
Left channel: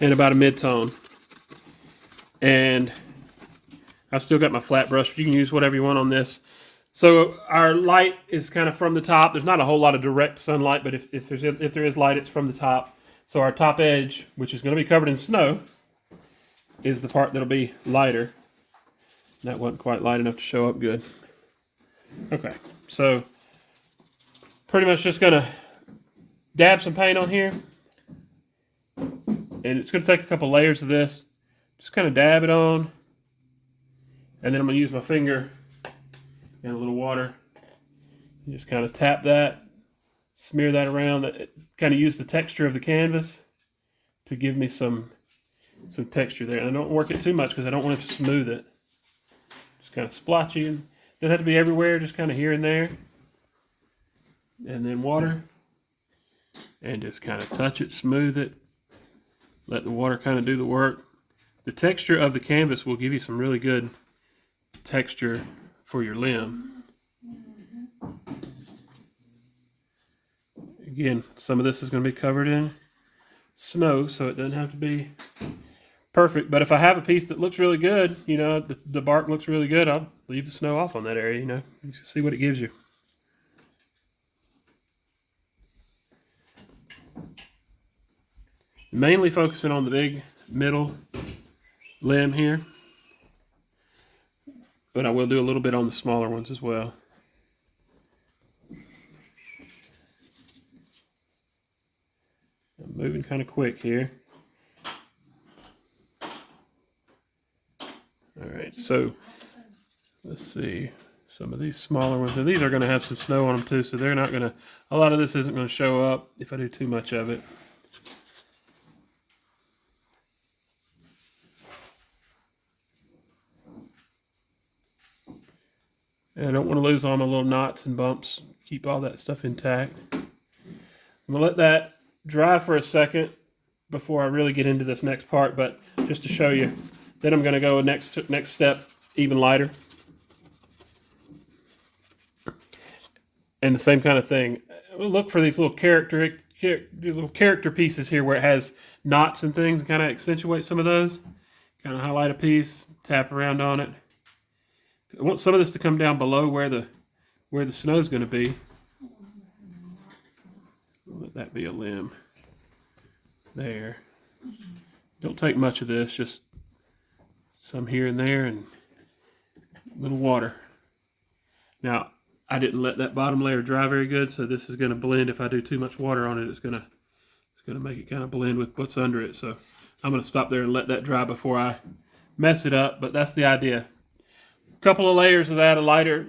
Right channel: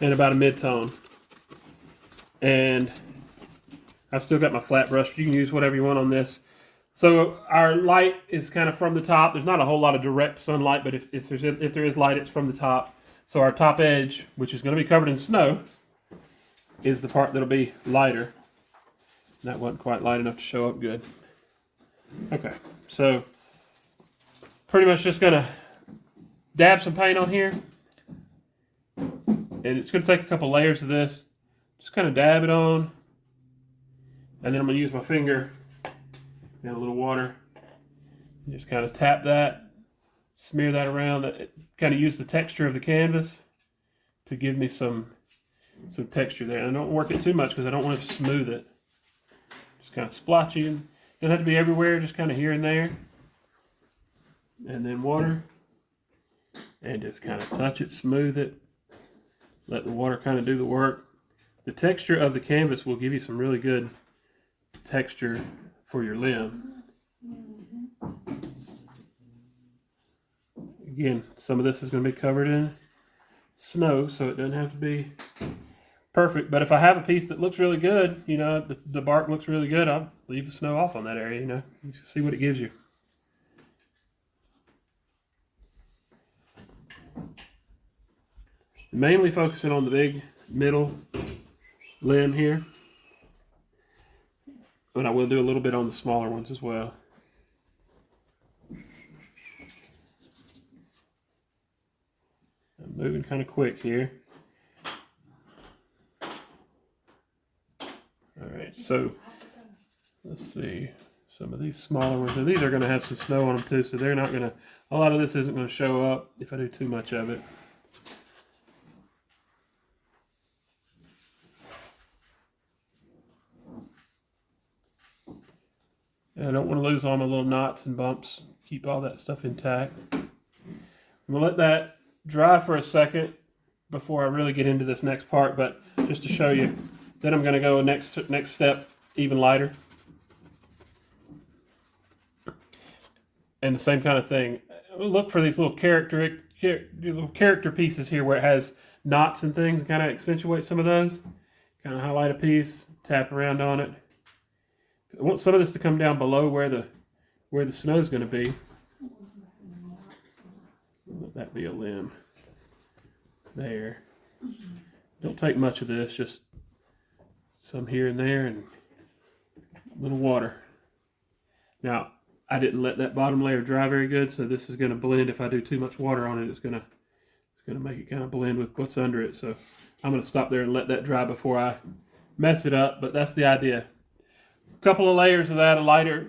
And about a mid-tone. And I've still got my flat brush, but you can use whatever you want on this. So our light is kind of from the top. There's not a whole lot of direct sunlight, but if there is light, it's from the top. So our top edge, which is going to be covered in snow, is the part that'll be lighter. That wasn't quite light enough to show up good. Okay, so pretty much just going to dab some paint on here. And it's going to take a couple layers of this. Just kind of dab it on. And then I'm going to use my finger and a little water. And just kind of tap that. Smear that around. Kind of use the texture of the canvas to give me some texture there. And I don't work it too much because I don't want to smooth it. Just kind of splotchy. And doesn't have to be everywhere. Just kind of here and there. And then water. And just kind of touch it, smooth it. Let the water kind of do the work. The texture of the canvas will give you some really good texture for your limb. Again, some of this is going to be covered in snow, so it doesn't have to be perfect. But if I have a piece that looks really good, you know, the bark looks really good, I'll leave the snow off on that area, you know. You see what it gives you. Mainly focusing on the big middle limb here. But I will do a little bit on the smaller ones as well. I'm moving kind of quick here. All right, so let's see. Some of these smaller ones, and these are going to have some snow on them too, so they're not going to, a lot of this isn't going to show up if I do too much of it. And I don't want to lose all my little knots and bumps, keep all that stuff intact. I'm going to let that dry for a second before I really get into this next part, but just to show you, then I'm going to go next step, even lighter. And the same kind of thing. Look for these little character pieces here where it has knots and things, and kind of accentuate some of those. Kind of highlight a piece, tap around on it. I want some of this to come down below where the snow is going to be. Let that be a limb. There. Don't take much of this, just some here and there, and a little water. Now, I didn't let that bottom layer dry very good, so this is going to blend. If I do too much water on it, it's going to make it kind of blend with what's under it. So I'm going to stop there and let that dry before I mess it up. But that's the idea. A couple of layers of that, a lighter,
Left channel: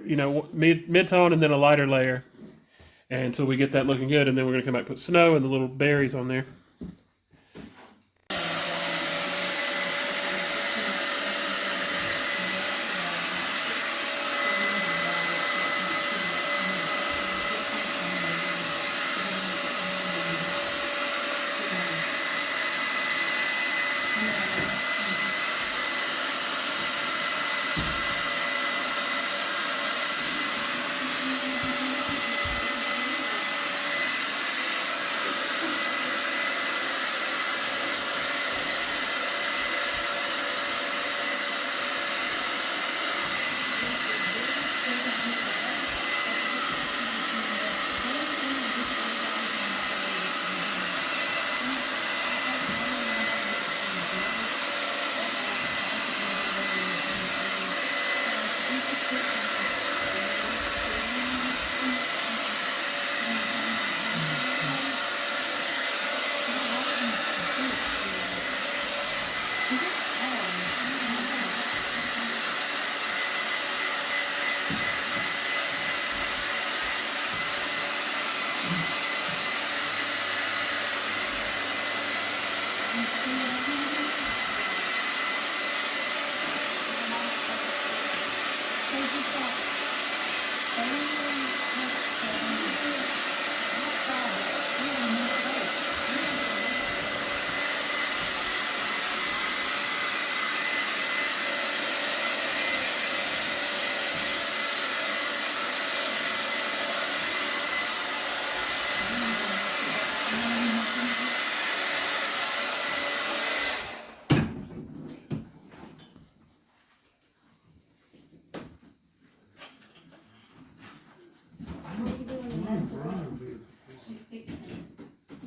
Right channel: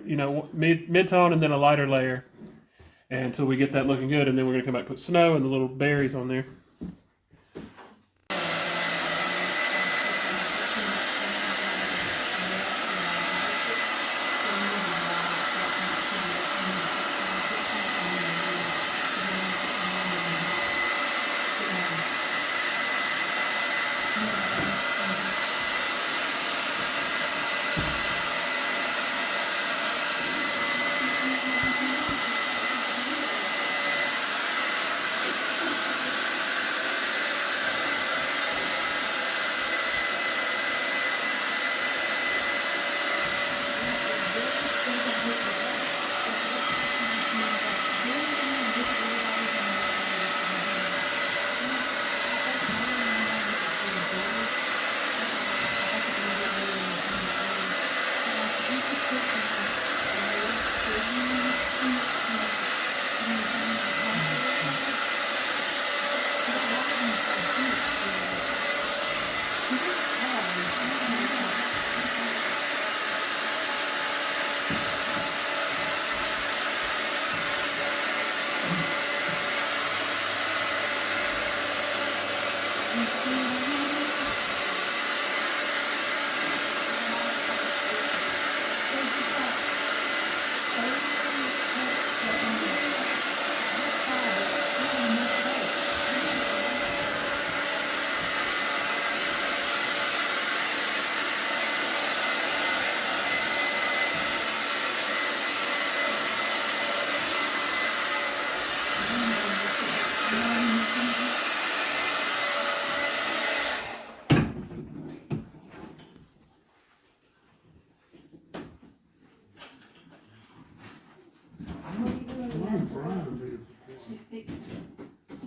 mid-tone, and then a lighter layer, until we get that looking good. And then we're going to come back and put snow and the little berries on there.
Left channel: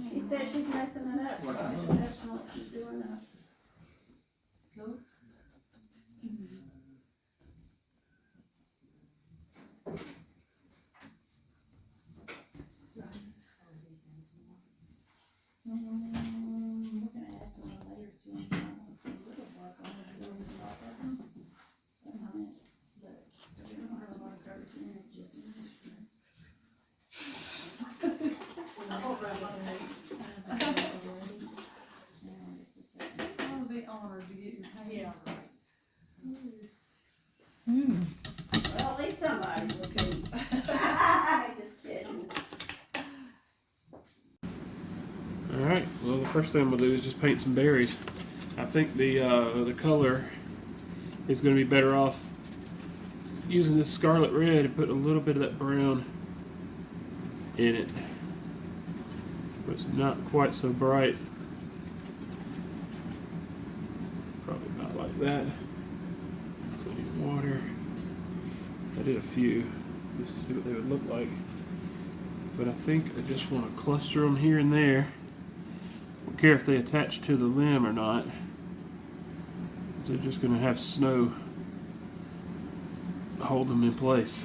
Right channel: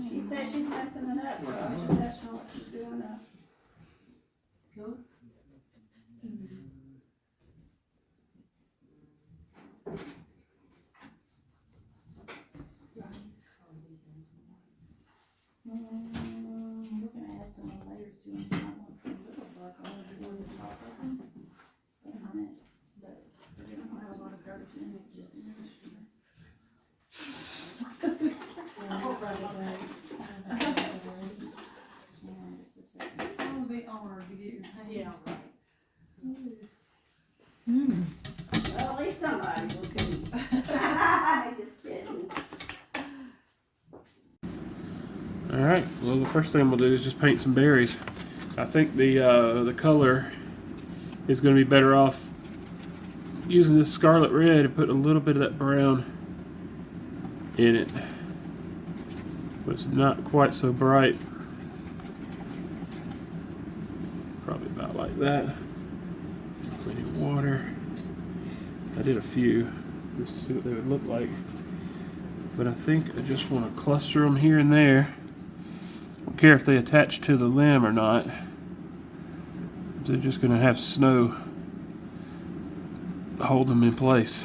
She says she's messing it up, so I'm just asking what she's doing now. We're gonna add some more layers to them. I want to put a little black on it over the top of them. But we don't have a lot of dirt in it, just. I'll be honored to get your hand right. Well, at least somebody's looking. Just kidding. All right. Well, the first thing I'm gonna do is just paint some berries. I think the color is going to be better off using this scarlet red and put a little bit of that brown in it. But it's not quite so bright. Probably about like that. Plenty of water. I did a few just to see what they would look like. But I think I just want to cluster them here and there. Don't care if they attach to the limb or not. they're just going to have snow hold them in place.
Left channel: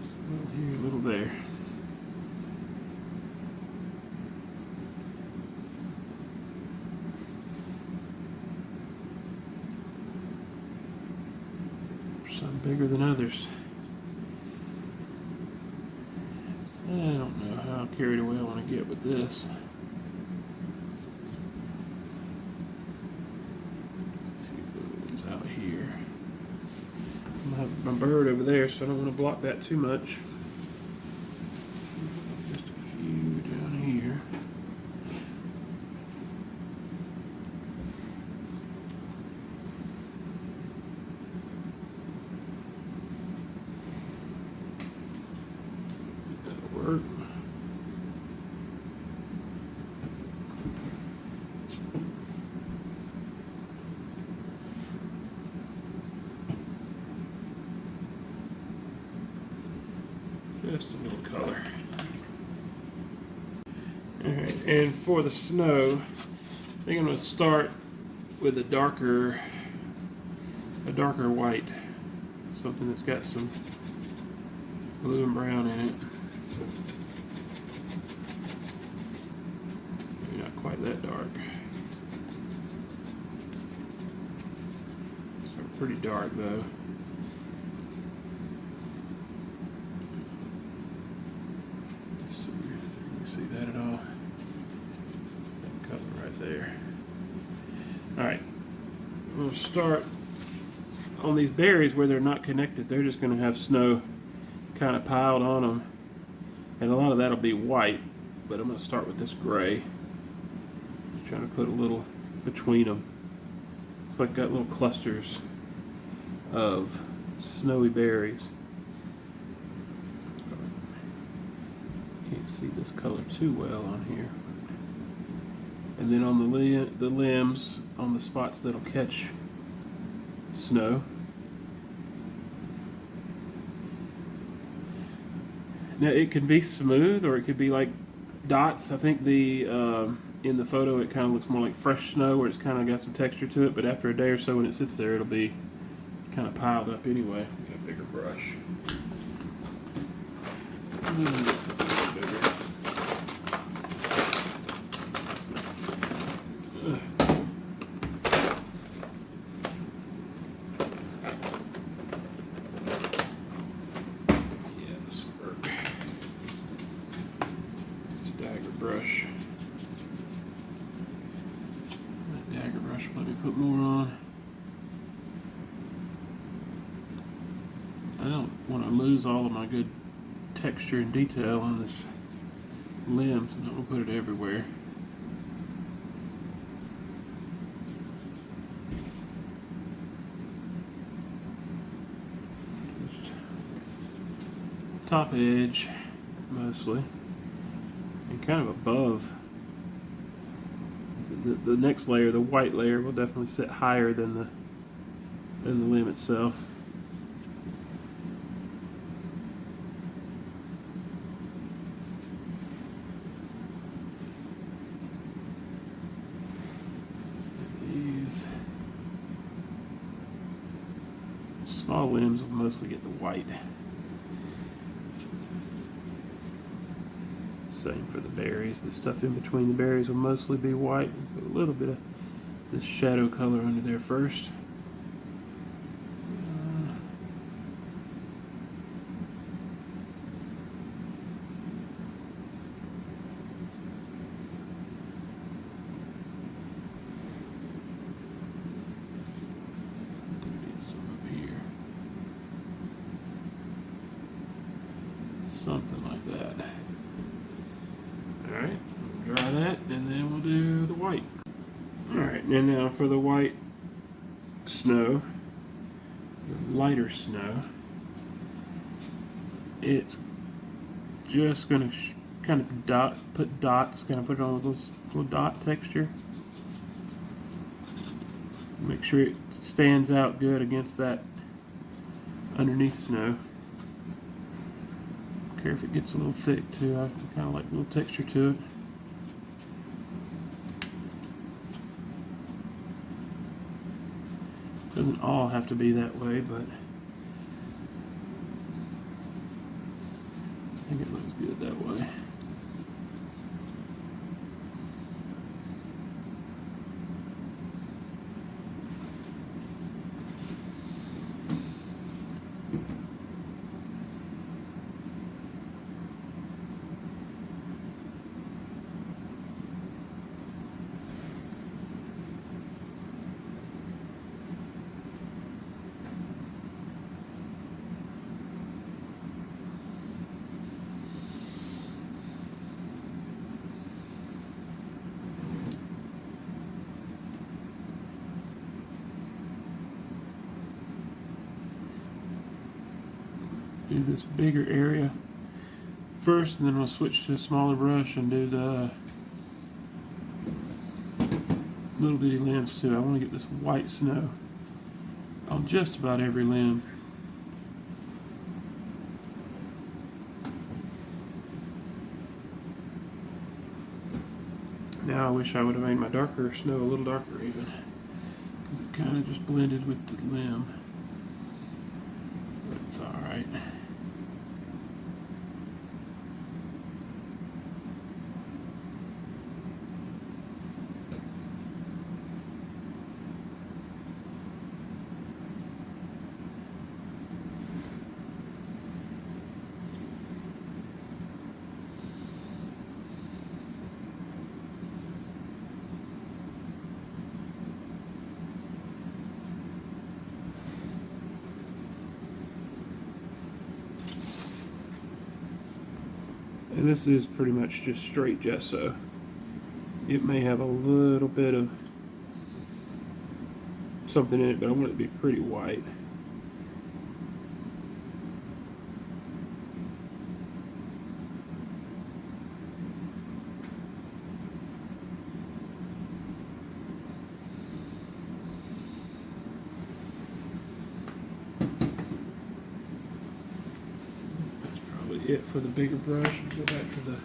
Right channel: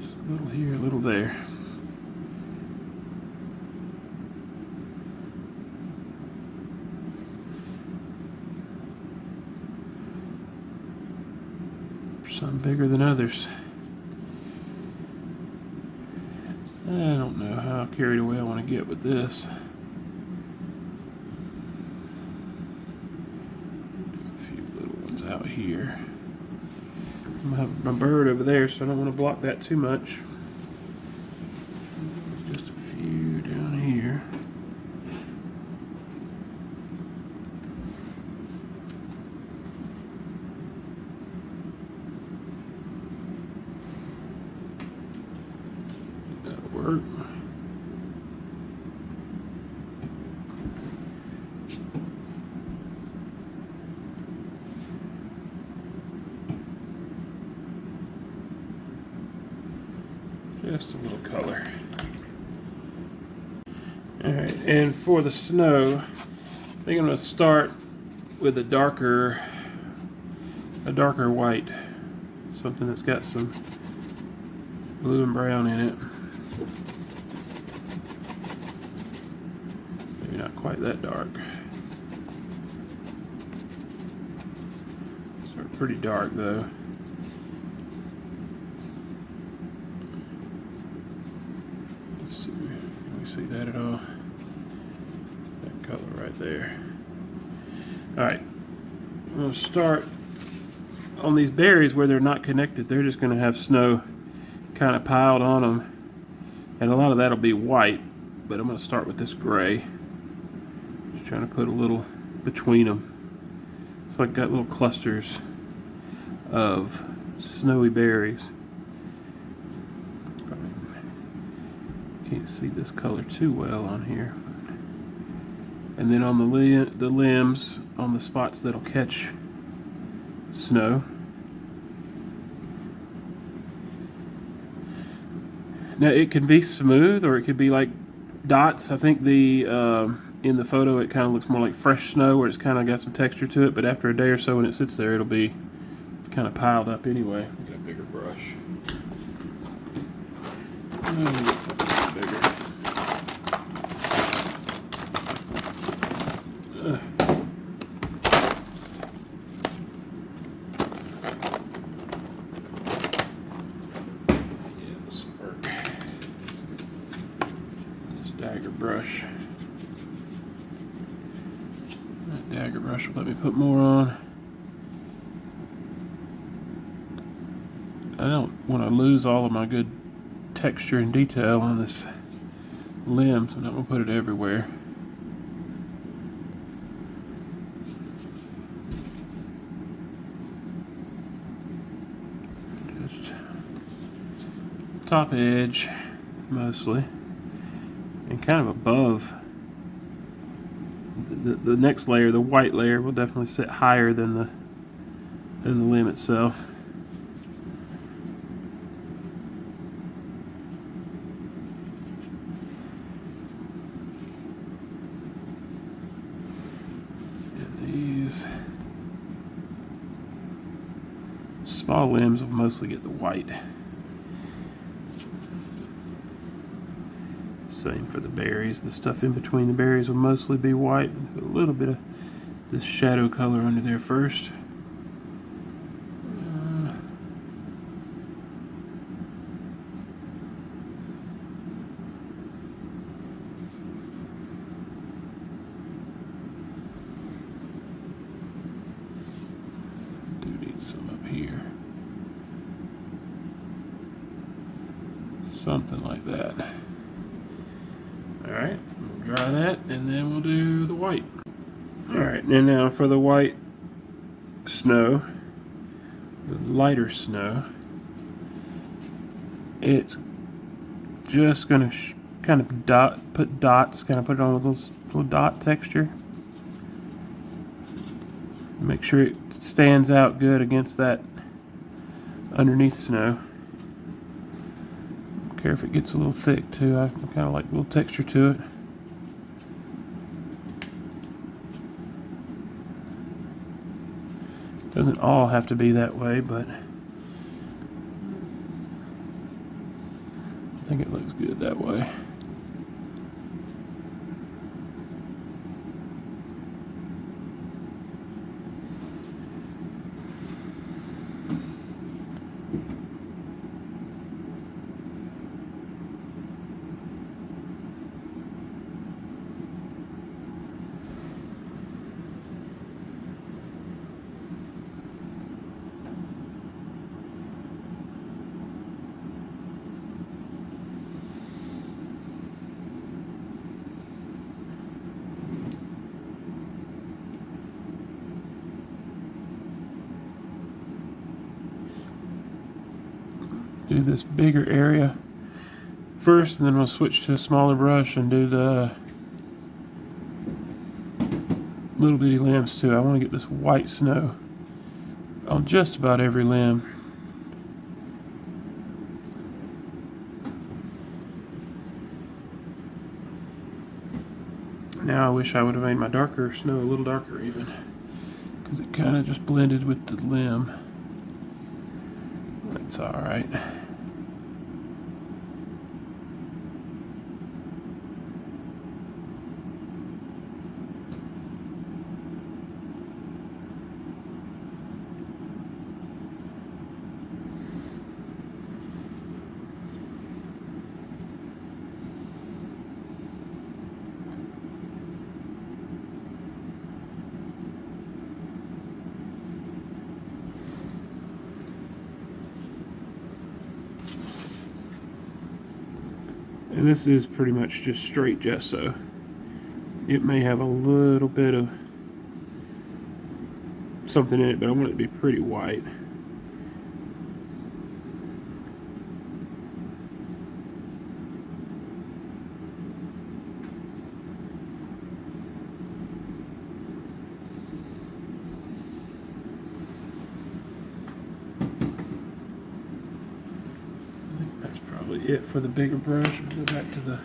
Just a little here, a little there. Some bigger than others. I don't know how carried away I want to get with this. A few little ones out here. I'm gonna have my bird over there, so I don't want to block that too much. Just a few down here. That'll work. Just a little color. Alright, and for the snow, I think I'm going to start with a darker white. Something that's got some blue and brown in it. Maybe not quite that dark. Sort of pretty dark though. See that at all? That color right there. Alright, I'm going to start on these berries where they're not connected. They're just going to have snow kind of piled on them, and a lot of that will be white, but I'm going to start with this gray. Just trying to put a little between them. So I've got little clusters of snowy berries. Can't see this color too well on here. And then on the limbs, on the spots that'll catch snow. Now it can be smooth or it could be like dots. I think the in the photo it kind of looks more like fresh snow, where it's kind of got some texture to it, but after a day or so when it sits there, it'll be kind of piled up anyway. Get a bigger brush. Get something bigger. Yeah, this will work. This dagger brush. That dagger brush will let me put more on. I don't want to lose all of my good texture and detail on this limb, so I'm not going to put it everywhere. Just top edge mostly, and kind of above the next layer. The white layer will definitely sit higher than the limb itself. Small limbs will mostly get the white. Same for the berries. The stuff in between the berries will mostly be white. Put a little bit of this shadow color under there first. Something like that. Alright, we'll dry that and then we'll do the white. Alright, and now for the white snow, the lighter snow, it's just going to kind of put dots, kind of put it on a little dot texture. Make sure it stands out good against that underneath snow. Care if it gets a little thick too. I kind of like a little texture to it. Doesn't all have to be that way, but I think it looks good that way. Do this bigger area first, and then we'll switch to a smaller brush and do the little bitty limbs too. I want to get this white snow on just about every limb. Now I wish I would have made my darker snow a little darker even, because it kind of just blended with the limb. That's all right. And this is pretty much just straight gesso. It may have a little bit of something in it, but I want it to be pretty white. It for the bigger brush. We'll go back to the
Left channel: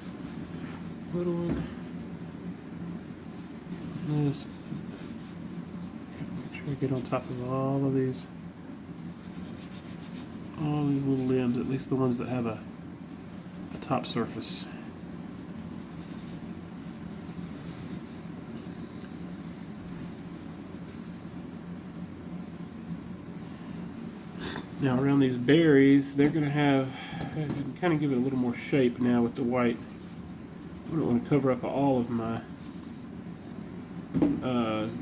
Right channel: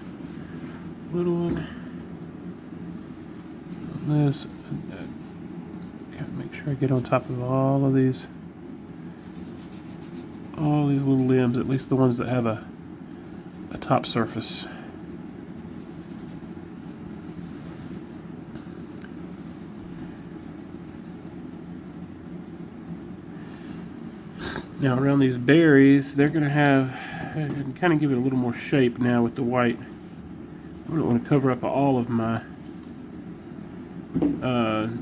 little one. This. Gotta make sure I get on top of all these little limbs, at least the ones that have a top surface. Now around these berries, they're gonna have, I can kind of give it a little more shape now with the white. I don't want to cover up all of my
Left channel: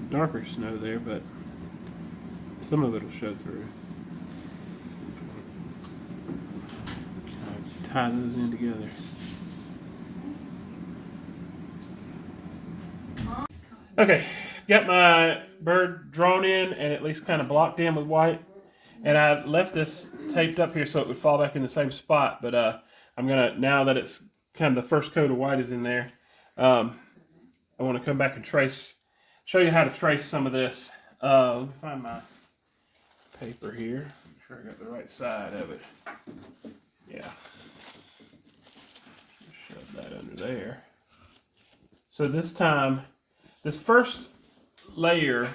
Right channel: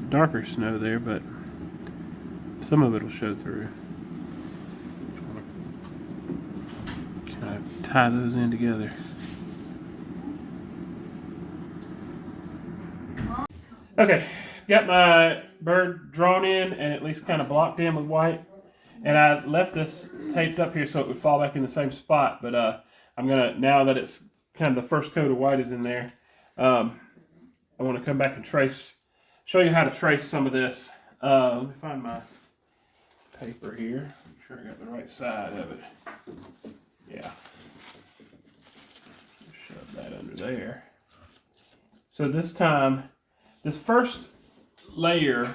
darker snow there, but some of it will show through. Kind of tie those in together. Okay, got my bird drawn in and at least kind of blocked in with white. And I left this taped up here so it would fall back in the same spot. But I'm going to, now that it's kind of the first coat of white is in there, I want to come back and show you how to trace some of this. Let me find my paper here. Make sure I got the right side of it. Yeah. Shove that under there. So this time, this first layer,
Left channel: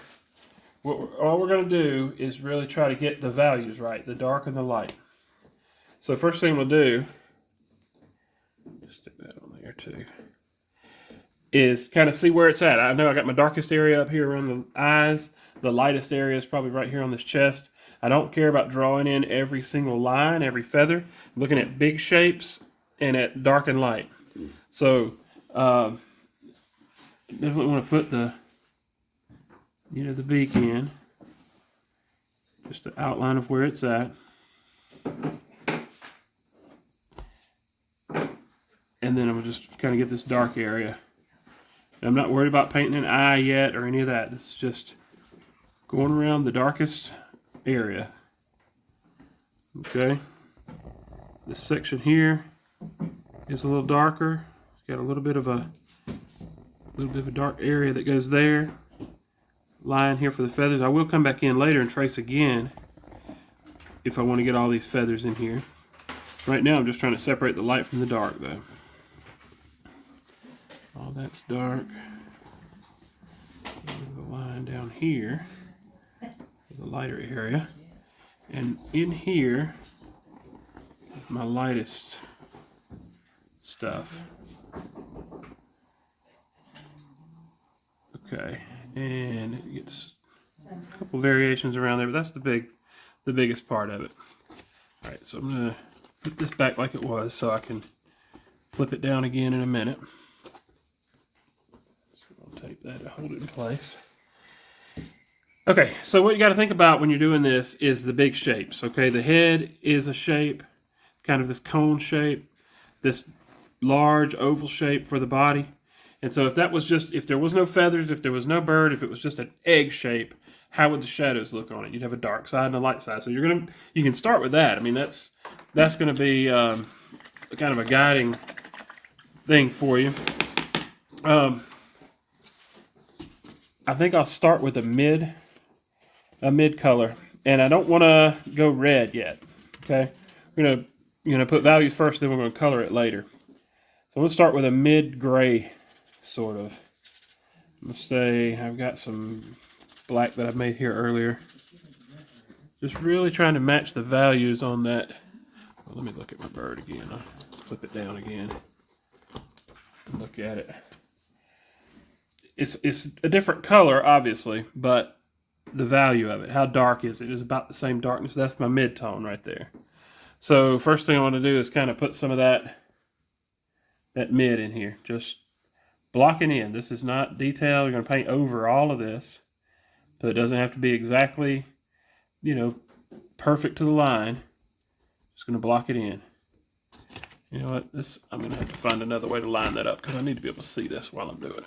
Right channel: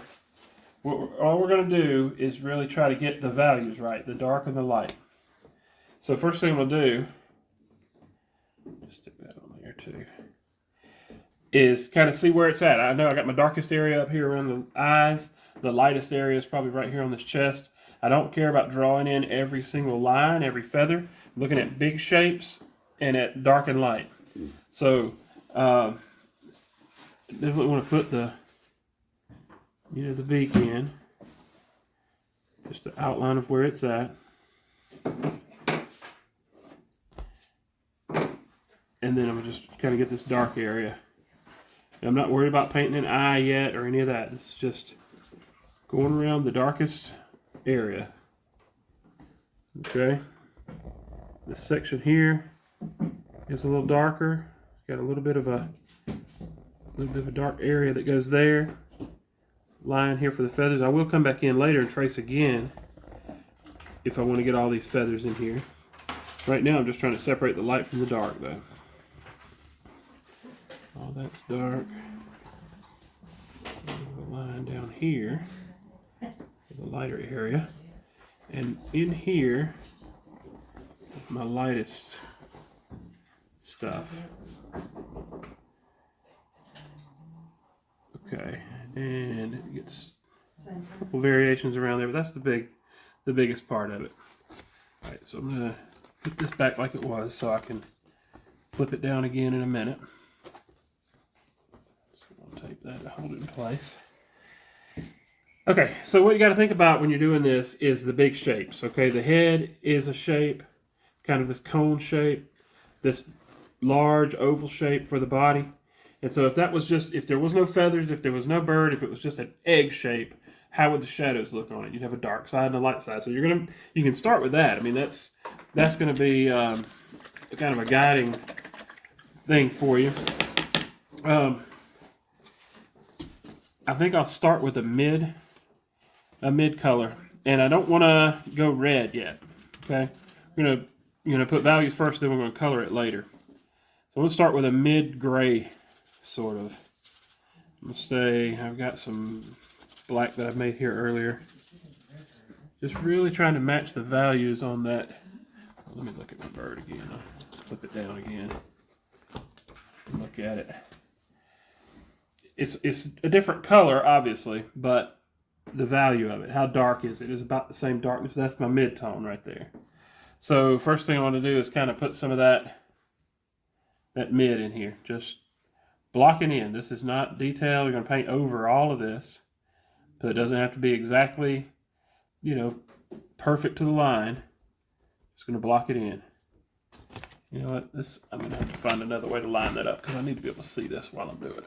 all we're going to do is really try to get the values right, the dark and the light. So first thing we'll do, just stick that on there too, is kind of see where it's at. I know I got my darkest area up here around the eyes. The lightest area is probably right here on this chest. I don't care about drawing in every single line, every feather. I'm looking at big shapes and at dark and light. So definitely want to put the the beak in, just the outline of where it's at, and then I'm just kind of get this dark area. I'm not worried about painting an eye yet or any of that. This is just going around the darkest area. Okay, this section here is a little darker. It's got a little bit of a dark area that goes there. Line here for the feathers. I will come back in later and trace again if I want to get all these feathers in here. Right now I'm just trying to separate the light from the dark though. All that's dark. A line down here. The lighter area. And in here, my lightest stuff. Okay, and it gets a couple variations around there, but that's the biggest part of it. All right, so I'm gonna put this back like it was so I can flip it down again in a minute. So I'll tape that and hold it in place. Okay, so what you got to think about when you're doing this is the big shapes. Okay, the head is a shape, kind of this cone shape, this large oval shape for the body. And so if that was just, if there was no feathers, if there was no bird, if it was just an egg shape, how would the shadows look on it? You'd have a dark side and a light side. So you can start with that. I mean, that's going to be kind of a guiding thing for you. I think I'll start with a mid color, and I don't want to go red yet. Okay, we're gonna put values first, then we're gonna color it later. So we'll start with a mid gray sort of. Let's say I've got some black that I've made here earlier. Just really trying to match the values on that. Well, let me look at my bird again. I'll flip it down again. Look at it. It's a different color, obviously, but the value of it, how dark is it, is about the same darkness. That's my mid-tone right there. So first thing I want to do is kind of put some of that mid in here. Just blocking in. This is not detail. You're going to paint over all of this, but it doesn't have to be exactly, perfect to the line. Just going to block it in. You know what? I'm going to have to find another way to line that up because I need to be able to see this while I'm doing it.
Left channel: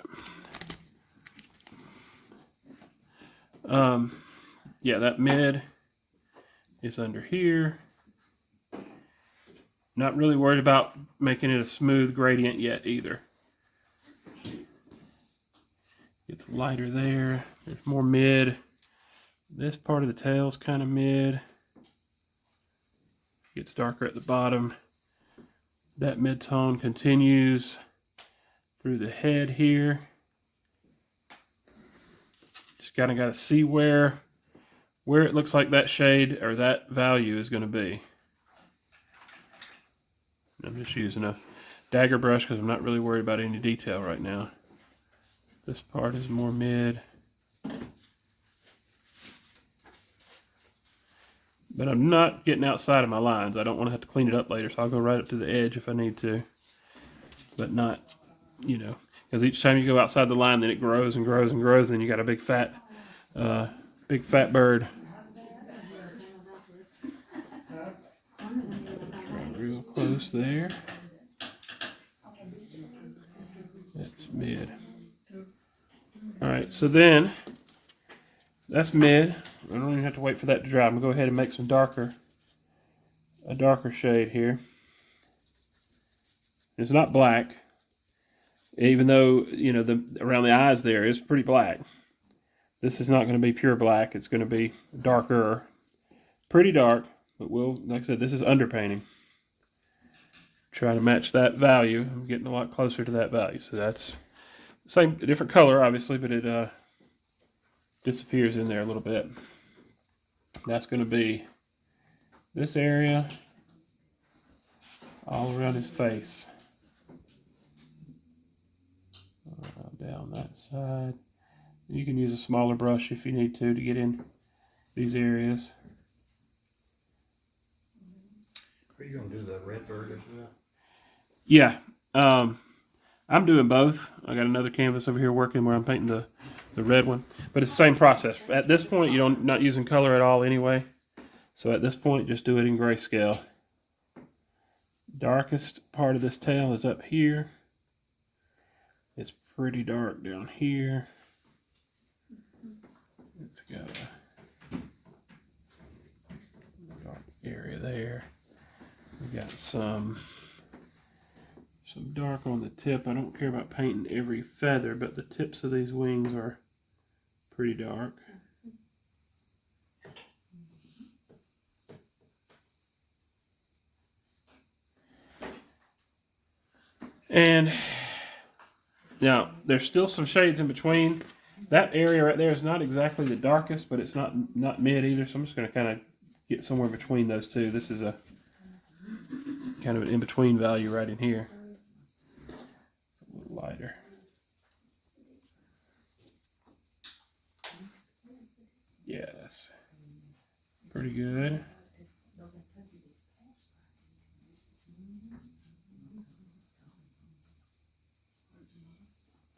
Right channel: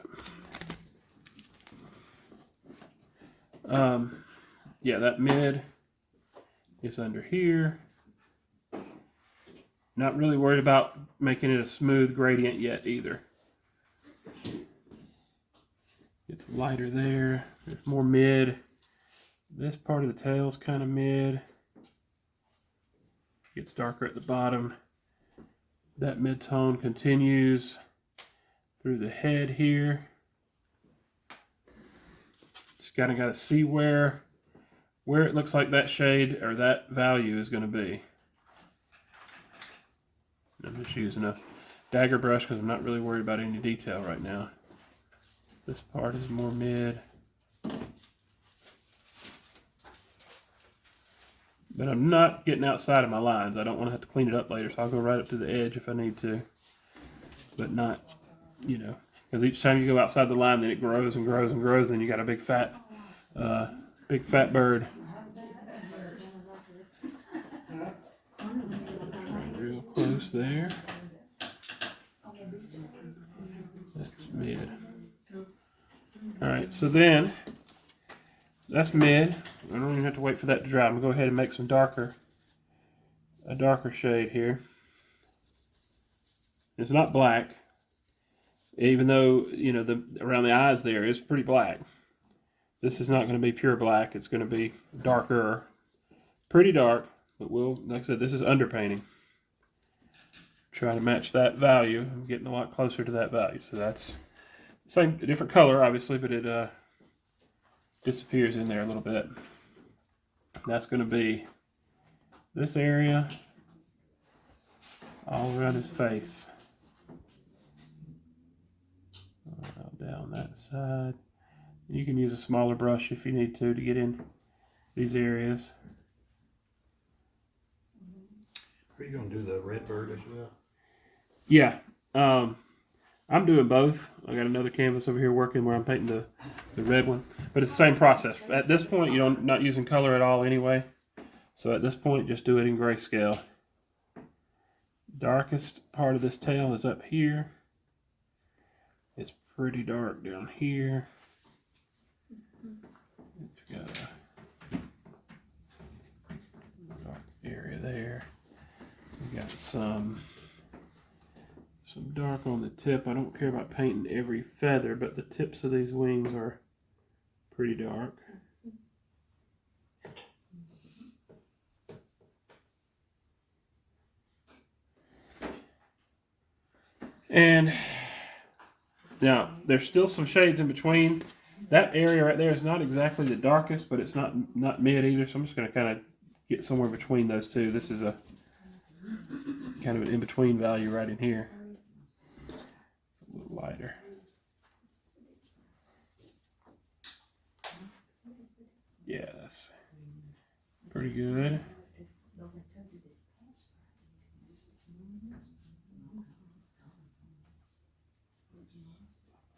Yeah, that mid is under here. Not really worried about making it a smooth gradient yet either. It's lighter there. There's more mid. This part of the tail is kind of mid. Gets darker at the bottom. That mid-tone continues through the head here. Just kind of got to see where it looks like that shade or that value is going to be. I'm just using a dagger brush because I'm not really worried about any detail right now. This part is more mid. But I'm not getting outside of my lines. I don't want to have to clean it up later, so I'll go right up to the edge if I need to. But not, because each time you go outside the line, then it grows and grows and grows, and you got a big fat bird. Real close there. That's mid. All right, so then that's mid. I don't even have to wait for that to dry. I'm gonna go ahead and make a darker shade here. It's not black, even though around the eyes there is pretty black. This is not going to be pure black. It's going to be darker, pretty dark. But like I said, this is underpainting. Try to match that value. I'm getting a lot closer to that value. So that's a different color, obviously, but it disappears in there a little bit. That's going to be this area all around his face. Down that side. You can use a smaller brush if you need to get in these areas. Are you going to do the red bird as well? Yeah. I'm doing both. I got another canvas over here working where I'm painting the red one. But it's the same process. At this point, not using color at all anyway. So at this point, just do it in grayscale. Darkest part of this tail is up here. It's pretty dark down here. It's got a dark area there. We got some dark on the tip. I don't care about painting every feather, but the tips of these wings are pretty dark. And now there's still some shades in between. that area right there is not exactly the darkest, but it's not mid either. So I'm just going to kind of get somewhere between those two. This is a kind of an in-between value right in here. A little lighter. Yeah, that's pretty good.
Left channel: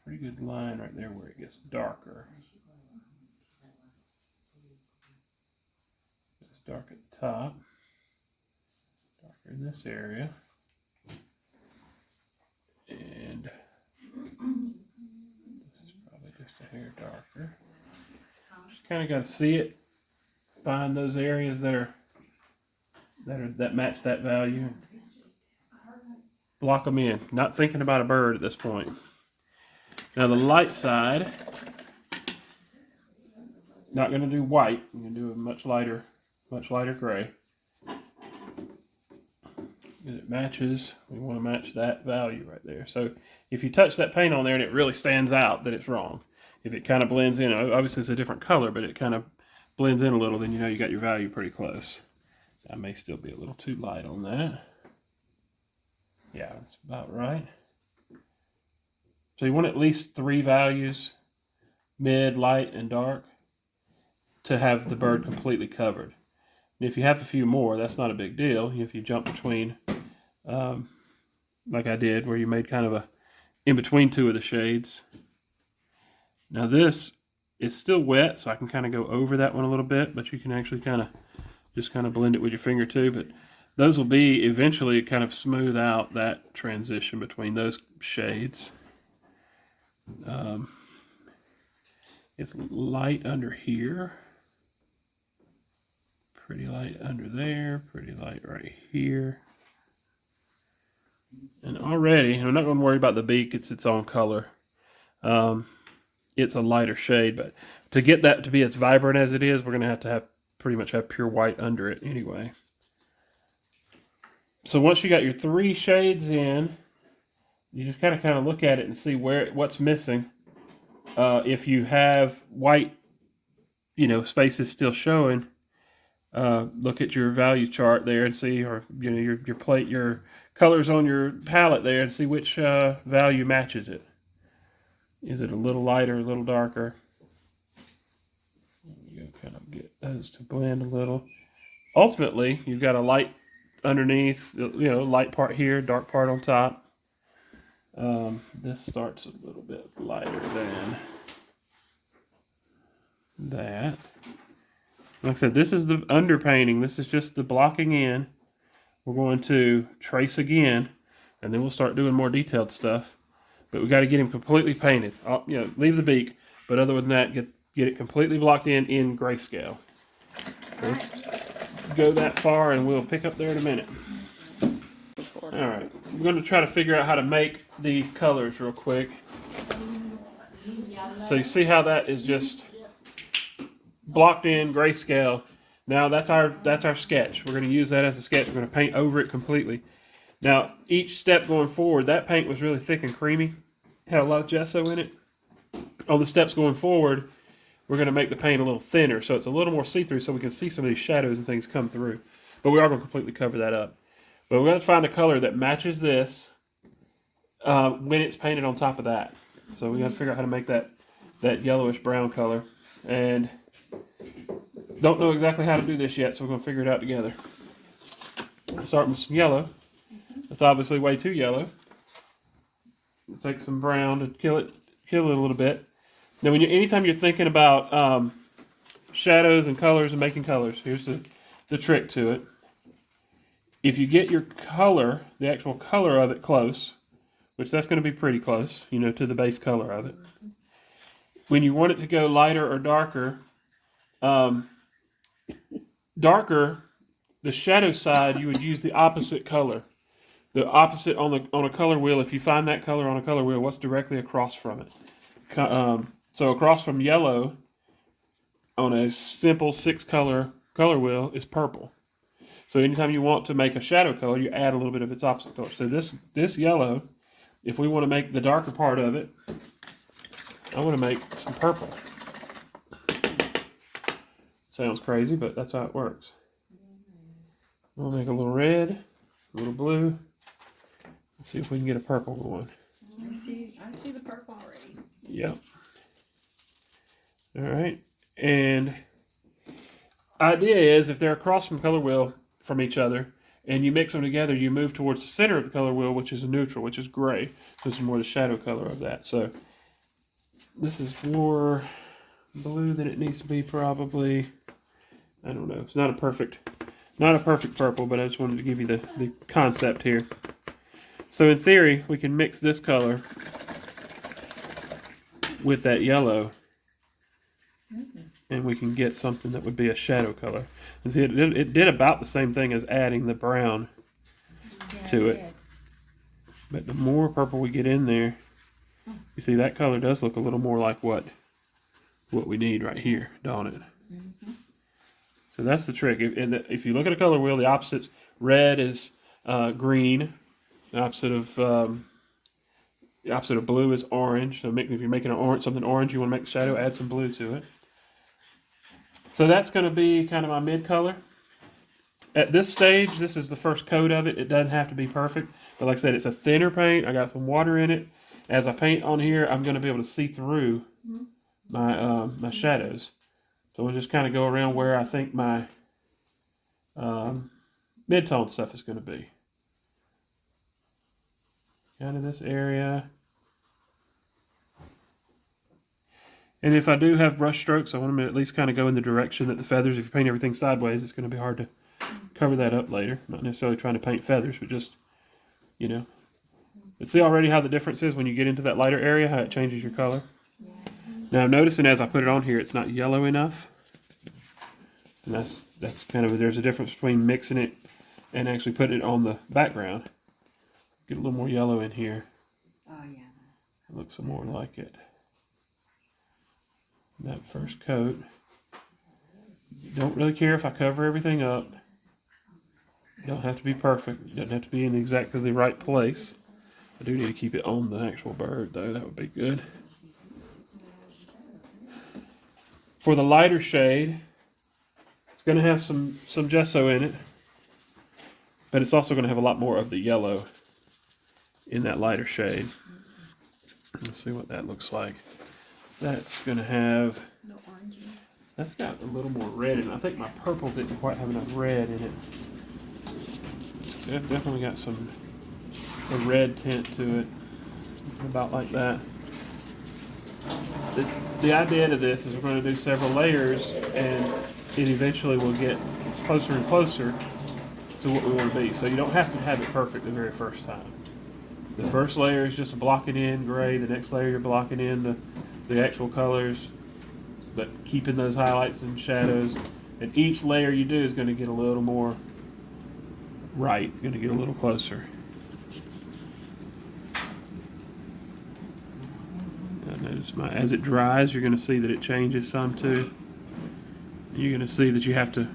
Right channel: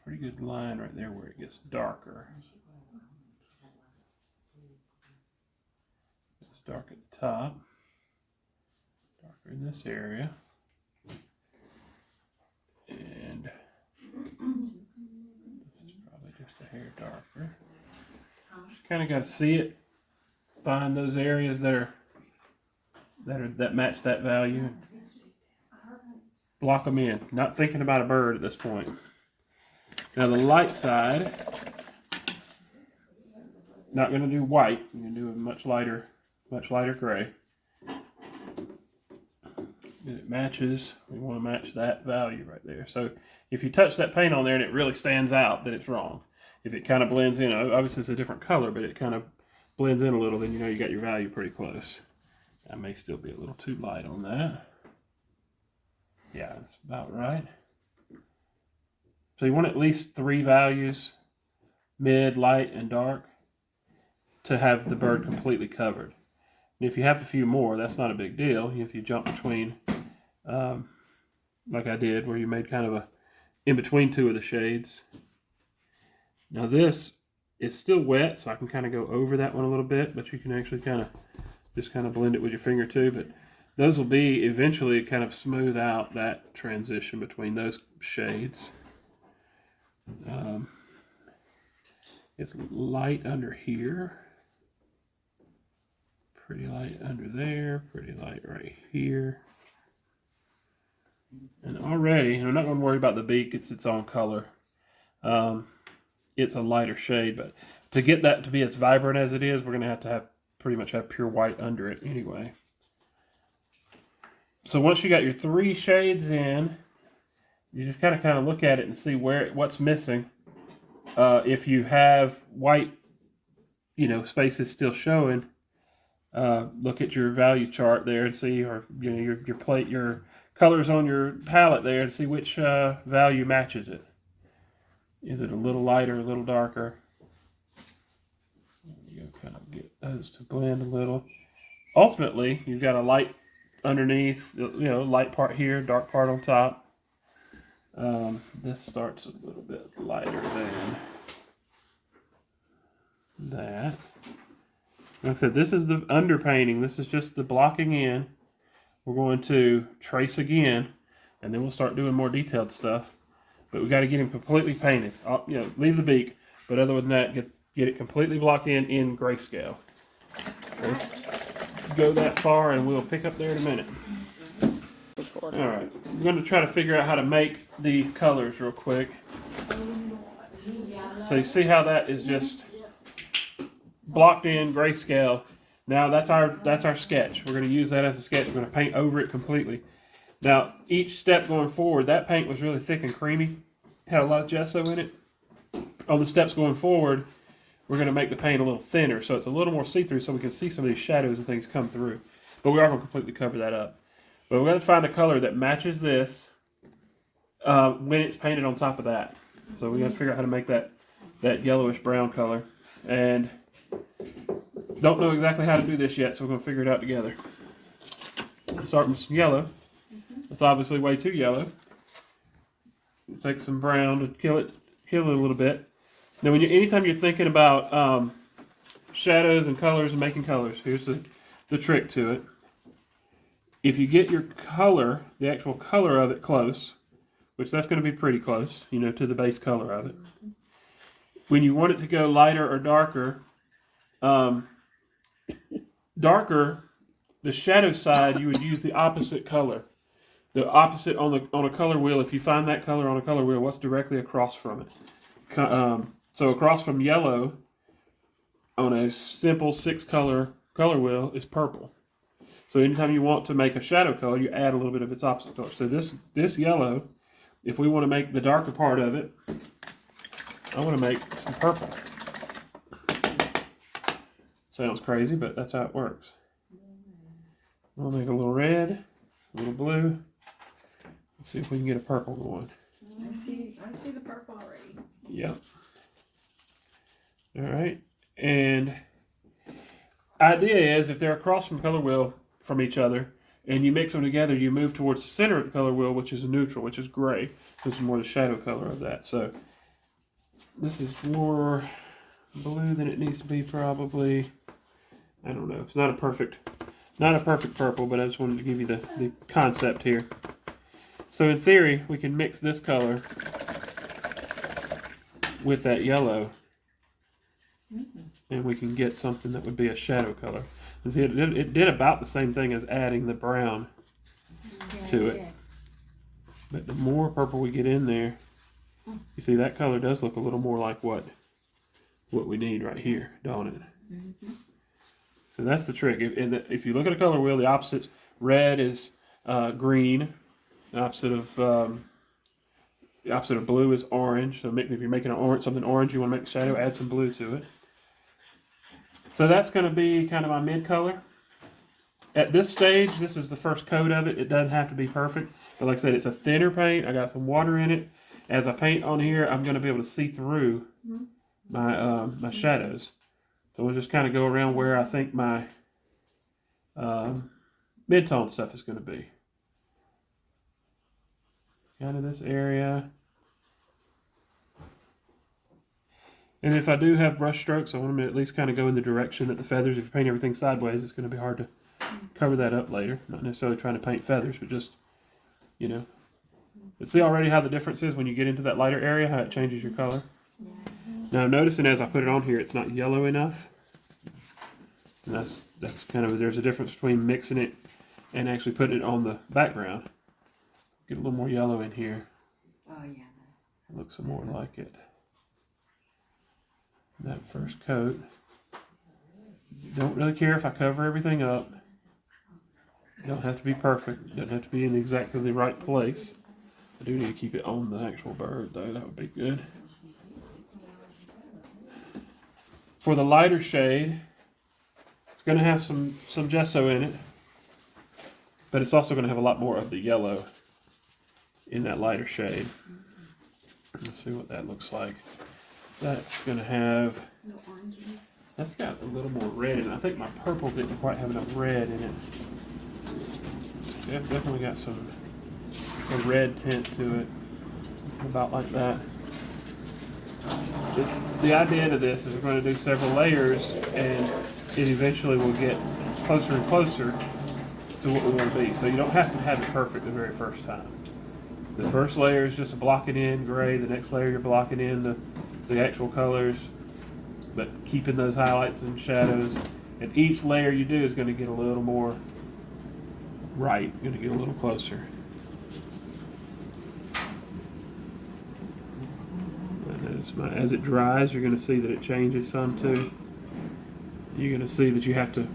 Pretty good line right there where it gets darker. It's dark at the top, darker in this area, and this is probably just a hair darker. Just kind of got to see it, find those areas that match that value, and block them in. Not thinking about a bird at this point. Now the light side, not going to do white. I'm going to do a much lighter gray. And it matches. We want to match that value right there. So if you touch that paint on there and it really stands out, that it's wrong. If it kind of blends in, obviously it's a different color, but it kind of blends in a little, then you know you got your value pretty close. That may still be a little too light on that. Yeah, that's about right. So you want at least 3 values, mid, light, and dark, to have the bird completely covered. And if you have a few more, that's not a big deal. If you jump between, like I did, where you made kind of a in between 2 of the shades. Now this is still wet, so I can kind of go over that one a little bit, but you can actually just kind of blend it with your finger too. But those will be eventually kind of smooth out that transition between those shades. It's light under here, pretty light under there, pretty light right here. And already, and I'm not going to worry about the beak, it's its own color. It's a lighter shade, but to get that to be as vibrant as it is, we're going to have pretty much have pure white under it anyway. So once you got your 3 shades in, you just kind of look at it and see what's missing. If you have white, spaces still showing, look at your value chart there and see, or your colors on your palette there, and see which value matches it. Is it a little lighter, a little darker? You kind of get those to blend a little. Ultimately, you've got a light underneath, light part here, dark part on top. This starts a little bit lighter than that. Like I said, this is the underpainting. This is just the blocking in. We're going to trace again, and then we'll start doing more detailed stuff. But we got to get him completely painted. Leave the beak, but other than that, get it completely blocked in grayscale. Let's go that far, and we'll pick up there in a minute. All right, I'm going to try to figure out how to make these colors real quick. So you see how that is just blocked in grayscale. Now that's our sketch. We're going to use that as a sketch. We're going to paint over it completely. Now each step going forward, that paint was really thick and creamy. Had a lot of gesso in it. On the steps going forward, we're going to make the paint a little thinner, so it's a little more see-through, so we can see some of these shadows and things come through. But we are going to completely cover that up. But we're going to find a color that matches this when it's painted on top of that. So we're going to figure out how to make that yellowish brown color. And don't know exactly how to do this yet, so we're going to figure it out together. Start with some yellow. It's obviously way too yellow. Take some brown to kill it a little bit. Now, anytime you're thinking about shadows and colors and making colors, here's the trick to it. If you get your color, the actual color of it close, which that's going to be pretty close, to the base color of it. When you want it to go lighter or darker, the shadow side, you would use the opposite color. The opposite on a color wheel, if you find that color on a color wheel, what's directly across from it? So across from yellow on a simple 6-color color wheel is purple. So anytime you want to make a shadow color, you add a little bit of its opposite color. So this yellow, if we want to make the darker part of it, I want to make some purple. Sounds crazy, but that's how it works. We'll make a little red, a little blue. Let's see if we can get a purple going. I see the purple already. Yep. All right. And idea is if they're across from color wheel from each other and you mix them together, you move towards the center of the color wheel, which is a neutral, which is gray. This is more the shadow color of that. So this is more blue than it needs to be probably. I don't know. It's not a perfect purple, but I just wanted to give you the concept here. So in theory, we can mix this color with that yellow, and we can get something that would be a shadow color. It did about the same thing as adding the brown to it. But the more purple we get in there, you see that color does look a little more like what we need right here, don't it? So that's the trick. If you look at a color wheel, the opposites, red is green. The opposite of blue is orange. So if you're making something orange, you want to make the shadow, add some blue to it. So that's going to be kind of my mid color. At this stage, this is the first coat of it. It doesn't have to be perfect. But like I said, it's a thinner paint. I got some water in it. As I paint on here, I'm going to be able to see through my shadows. So we'll just kind of go around where I think my mid-tone stuff is going to be. Kind of this area. And if I do have brush strokes, I want them to at least kind of go in the direction that the feathers, if you paint everything sideways, it's going to be hard to cover that up later. Not necessarily trying to paint feathers, but just, you know. But see already how the difference is when you get into that lighter area, how it changes your color. Now I'm noticing as I put it on here, it's not yellow enough. And that's kind of, there's a difference between mixing it and actually putting it on the background. Get a little more yellow in here. Oh, yeah. It looks more like it. That first coat. Don't really care if I cover everything up. It don't have to be perfect. It doesn't have to be in exactly the right place. I do need to keep it on the actual bird though. That would be good. For the lighter shade, it's going to have some gesso in it, but it's also going to have a lot more of the yellow in that lighter shade. Let's see what that looks like. That's going to have, that's got a little more red in it. I think my purple didn't quite have enough red in it. It's definitely got a red tint to it, about like that. The idea to this is we're going to do several layers, and it eventually will get closer and closer to what we want to be. So you don't have to have it perfect the very first time. The first layer is just blocking in gray. The next layer you're blocking in the actual colors, but keeping those highlights and shadows. And each layer you do is going to get a little more right, going to get a little closer. As it dries, you're going to see that it changes some too. You're going to see that you have to,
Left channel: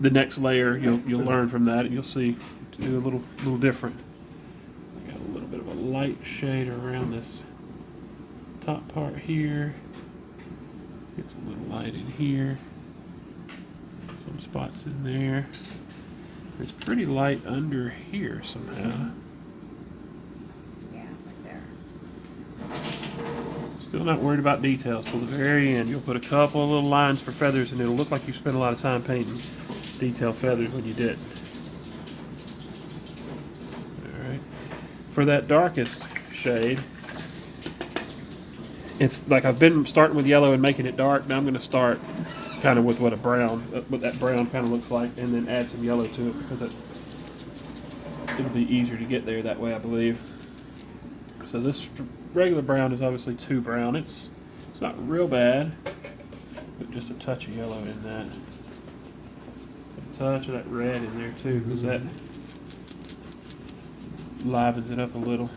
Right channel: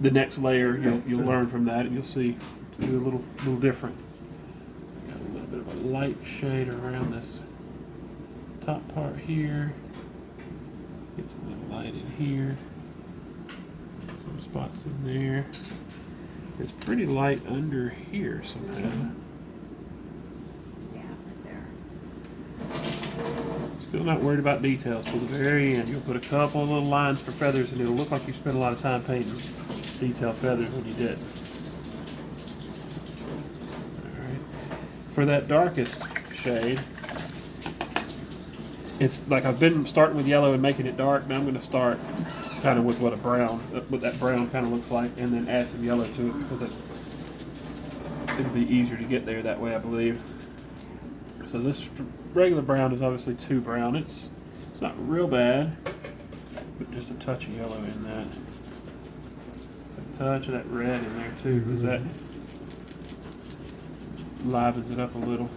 the next layer, you'll learn from that, and you'll see to do a little different. Got a little bit of a light shade around this top part here. Get some little light in here. Some spots in there. It's pretty light under here somehow. Still not worried about details till the very end. You'll put a couple of little lines for feathers, and it'll look like you spent a lot of time painting detailed feathers when you did. Alright. For that darkest shade, it's like I've been starting with yellow and making it dark. Now I'm going to start kind of with what that brown kind of looks like, and then add some yellow to it, because it'll be easier to get there that way, I believe. So this regular brown is obviously too brown. It's not real bad, but just a touch of yellow in that. A touch of that red in there too, because that livens it up a little.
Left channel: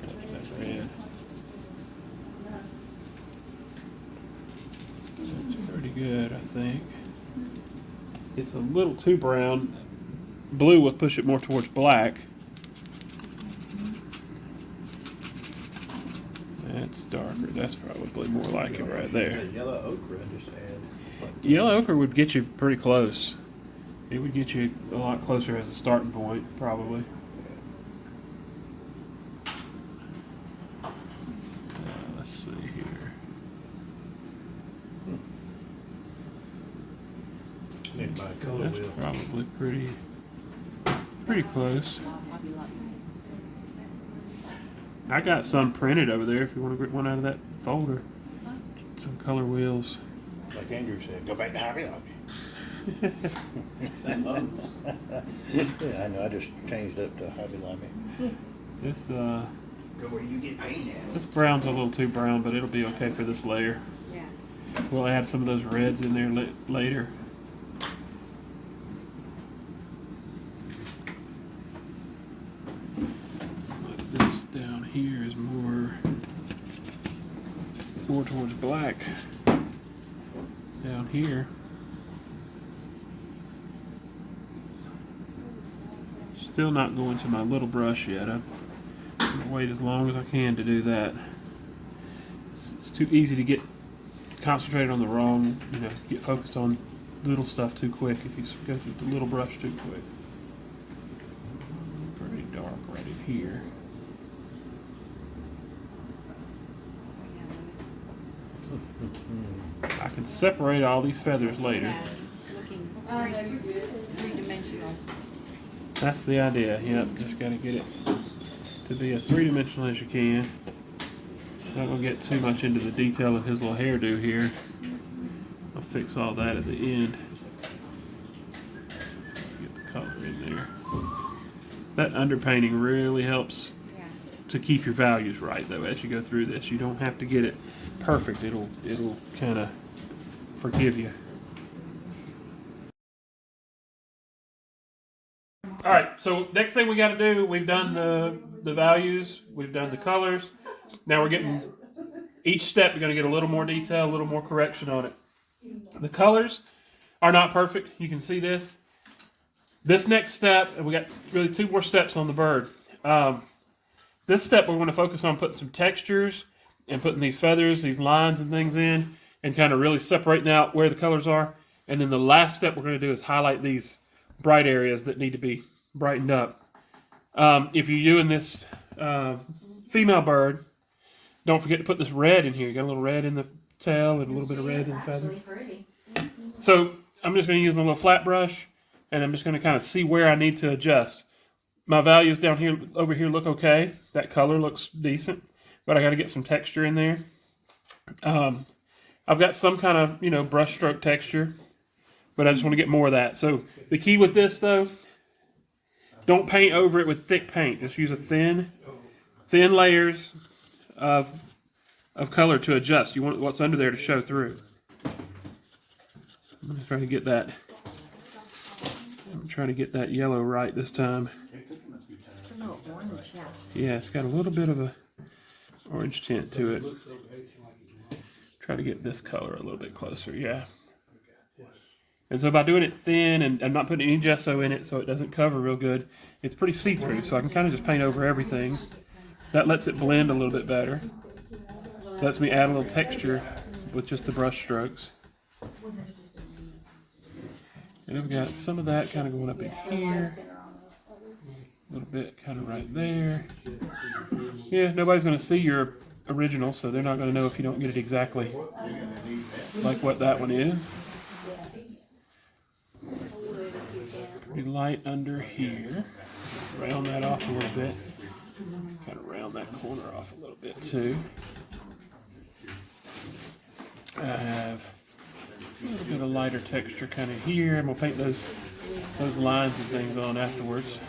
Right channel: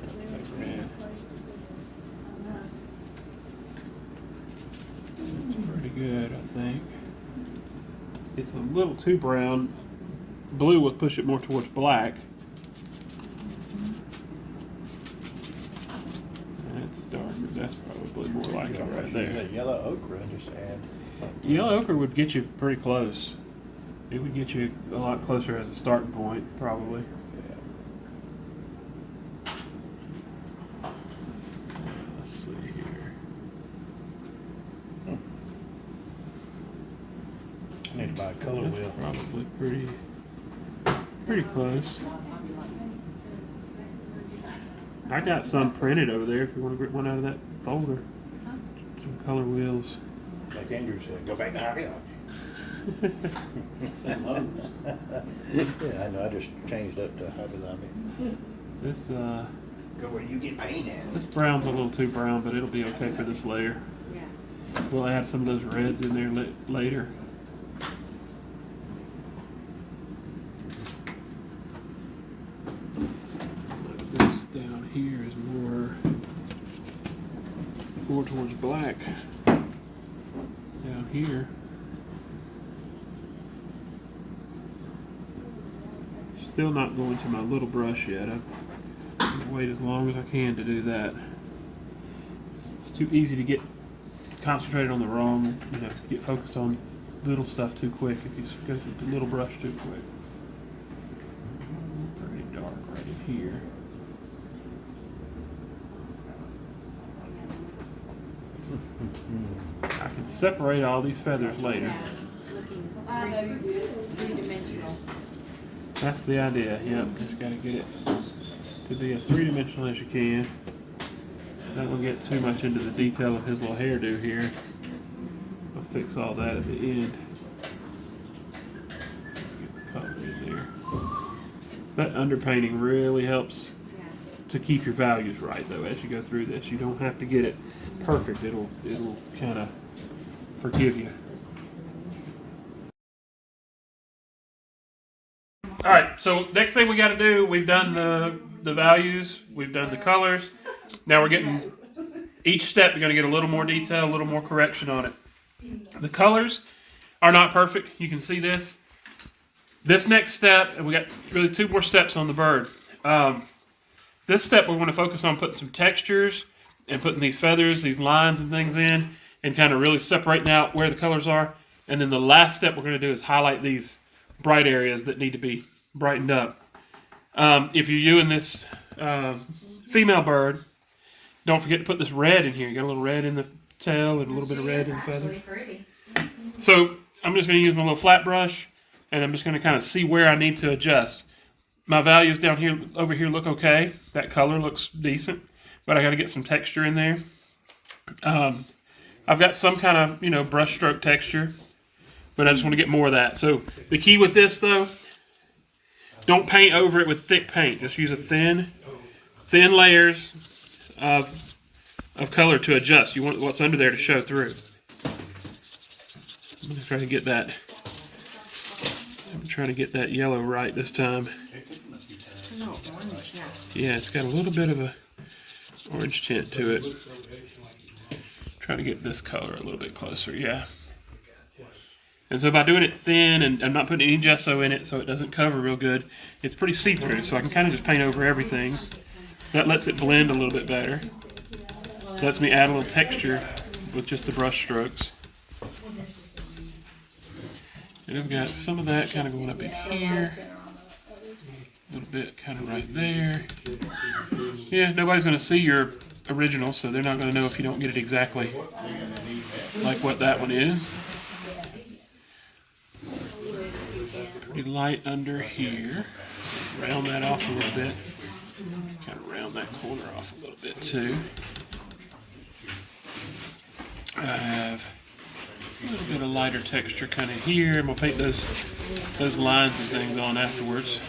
That red. It's pretty good, I think. It's a little too brown. Blue will push it more towards black. That's probably more like it right Yeah, there. yellow ochre, just add. Yellow ochre would get you pretty close. It would get you a lot closer as a starting point, probably. Let's see here. Need to buy a color That's wheel. probably pretty close. I got some printed over there if you want to get one out of that folder. Some color wheels. Like Andrew said, go back to Hobby Lobby. Yeah, I know, I just changed up to Hobby Lobby. This Go where you get paint at. this brown's a little too brown, but it'll be okay for this layer. Yeah. We'll add some of those reds in there later. This down here is more towards black. Down here. Still not going to my little brush yet. I'm gonna wait as long as I can to do that. It's too easy to get concentrated on the wrong, get focused on little stuff too quick if you go through the little brush too quick. Pretty dark right in here. I can separate all these feathers later. Yeah, it's looking three-dimensional. That's the idea. Yep, just gotta get it to be as three-dimensional as you can. Not gonna get too much into the detail of his little hairdo here. We'll fix all that at the end. Get the color in there. That underpainting really helps Yeah. to keep your values right, though, as you go through this. You don't have to get it perfect. It'll kind of forgive you. All right, so next thing we got to do, we've done the values, we've done the colors. Now we're getting, each step you're going to get a little more detail, a little more correction on it. The colors are not perfect. You can see this. This next step, and we got really two more steps on the bird. This step we're going to focus on putting some textures and putting these feathers, these lines and things in, and kind of really separating out where the colors are. And then the last step we're going to do is highlight these bright areas that need to be brightened up. If you're doing this female bird, don't forget to put this red in here. You got a little red in the tail and a little bit of red in the feather. Pretty. So I'm just going to use my little flat brush, and I'm just going to kind of see where I need to adjust. My values down here, over here, look okay. That color looks decent, but I got to get some texture in there. I've got some kind of brush stroke texture, but I just want to get more of that. So the key with this, though, don't paint over it with thick paint. Just use a thin layers of color to adjust. You want what's under there to show through. I'm gonna try to get that. I'm trying to get that yellow right this time. Yeah, it's got a little bit of a orange tint to it. Try to get this color a little bit closer. Yeah. And so by doing it thin, and I'm not putting any gesso in it so it doesn't cover real good, it's pretty see-through, so I can kind of just paint over everything. That lets it blend a little bit better. Lets me add a little texture with just the brush strokes. And I've got some of that kind of going up in here. A little bit kind of right there. Yeah, nobody's going to see your original, so they're not going to know if you don't get it exactly like what that one is. Pretty light under here. Round that off a little bit. Kind of round that corner off a little bit too. I have a little bit of lighter texture kind of here, and we'll paint those lines and things on afterwards.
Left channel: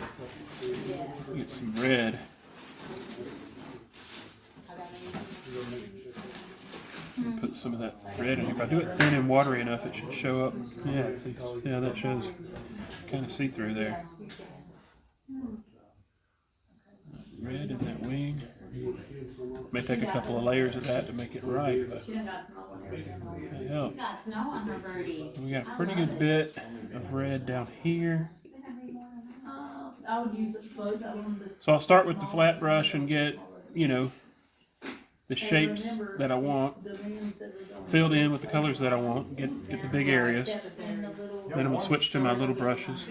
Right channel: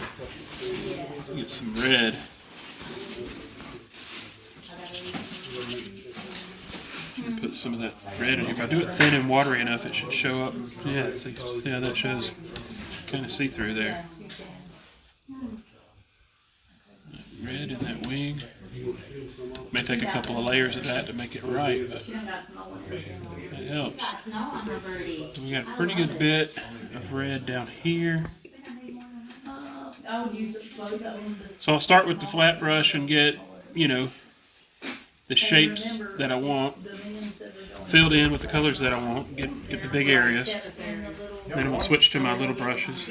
Get some red. Put some of that red in here. If I do it thin and watery enough, it should show up. Yeah, see how that shows kind of see-through there. Red in that wing. May take a couple of layers of that to make it right, but it helps. So we got a pretty good bit of red down here. So I'll start with the flat brush and get, the shapes that I want filled in with the colors that I want. Get the big areas. Then I'm gonna switch to my little brushes.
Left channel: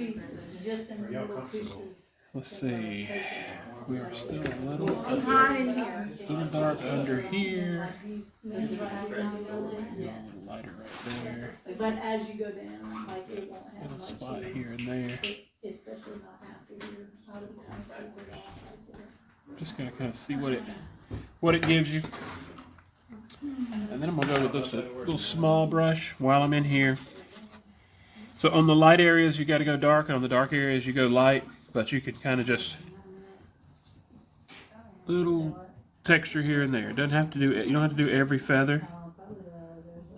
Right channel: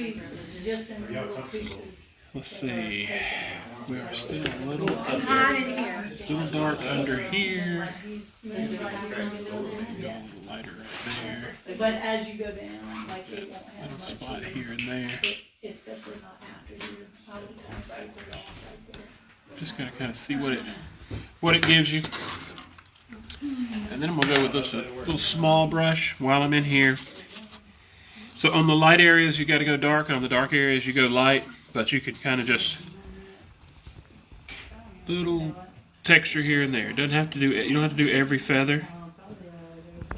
Let's see. We are still a little dark under here. A little lighter right there. But as you go down, like it won't have Little much spot here, here and there. especially not after here. I would kind of break it off right there. Just gonna kind of see what it gives you. And then I'm gonna go with this little small brush while I'm in here. So on the light areas you got to go dark, and on the dark areas you go light. But you could kind of just little texture here and there. You don't have to do every feather.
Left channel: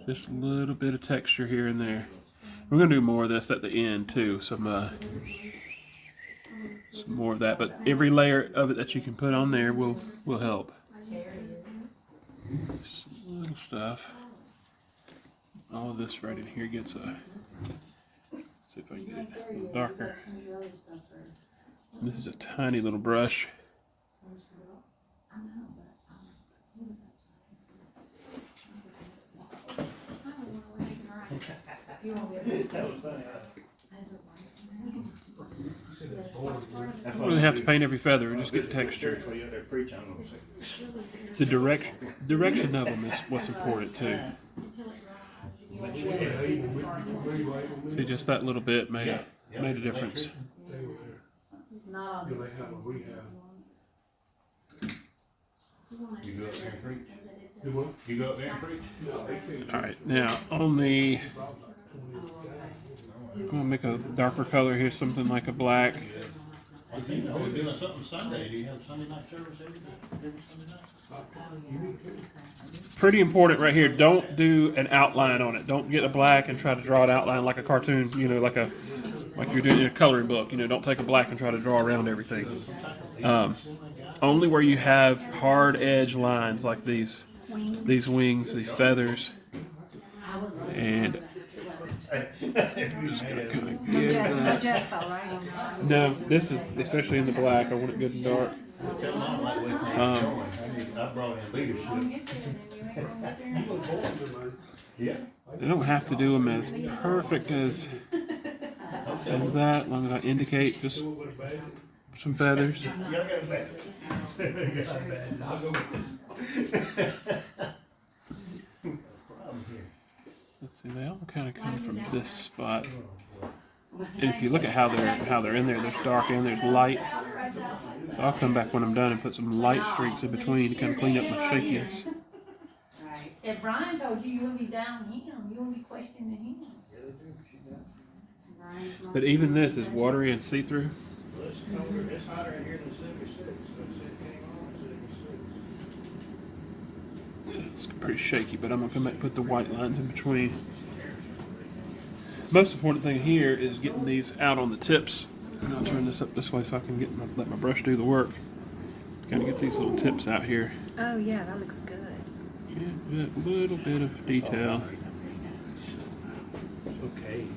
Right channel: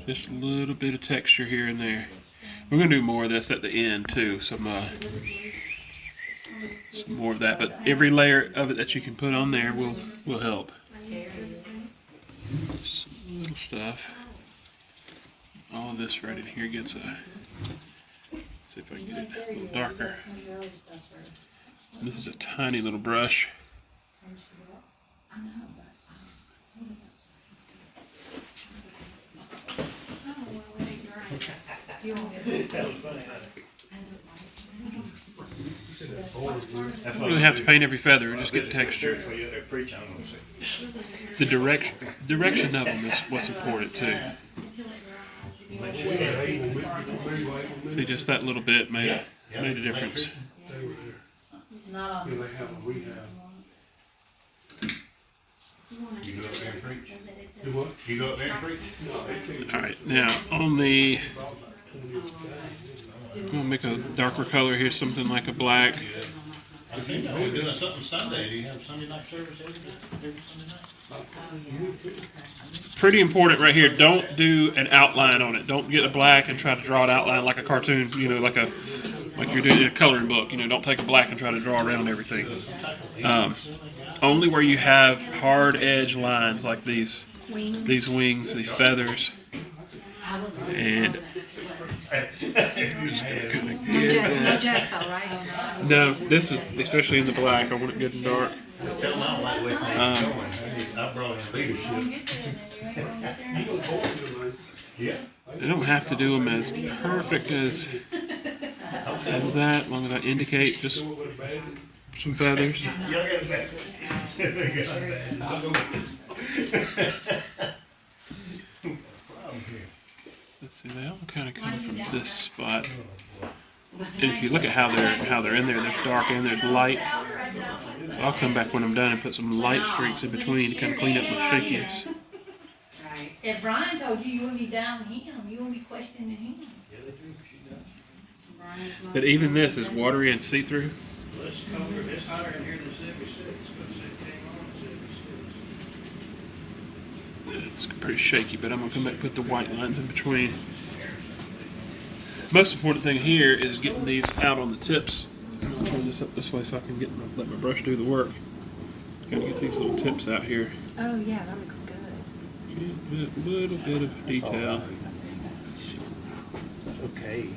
Just a little bit of texture here and there. We're gonna do more of this at the end too. Some more of that. But every layer of it that you can put on there will help. Some little stuff. All of this right in here gets a. See if I can get it a little darker. This is a tiny little brush. That was funny. You don't really have to paint every feather, just get texture. The direction of them is what's important too. See, just that little bit made a difference. Not on. You go up there and preach? Do what? You go up there and preach? Alright, now on the, I'm going to make a darker color here, something like a black. I think we're doing something Sunday. Do you have Sunday night service every Sunday night? Pretty important right here, don't do an outline on it. Don't get a black and try to draw an outline like a cartoon, like you're doing in a coloring book. Don't take a black and try to draw around everything. Only where you have hard edge lines like these wings, these feathers, and Just all right. no, this is especially in the black. I want it good and dark. Tell them I don't like the way things are going. I brought in leadership. Yeah. I don't have to do them as perfect as that, as long as I indicate just some feathers. Y'all got bad. Let's see, they all kind of come from this spot. And if you look at how they're in there, there's dark and there's light. I'll come back when I'm done and put some light streaks in between to kind of clean up my shakiness. Right. If Brian told you, you wouldn't be down him. You wouldn't be questioning him. Yeah, they do. She does. But even this is watery and see-through. Well, it's colder. It's hotter in here than 76. It's pretty shaky, but I'm going to come back and put the white lines in between. Most important thing here is getting these out on the tips. And I'll turn this up this way so I can let my brush do the work. Gotta get these little tips out here. Oh yeah, that looks good. Get a little bit of detail. Okay.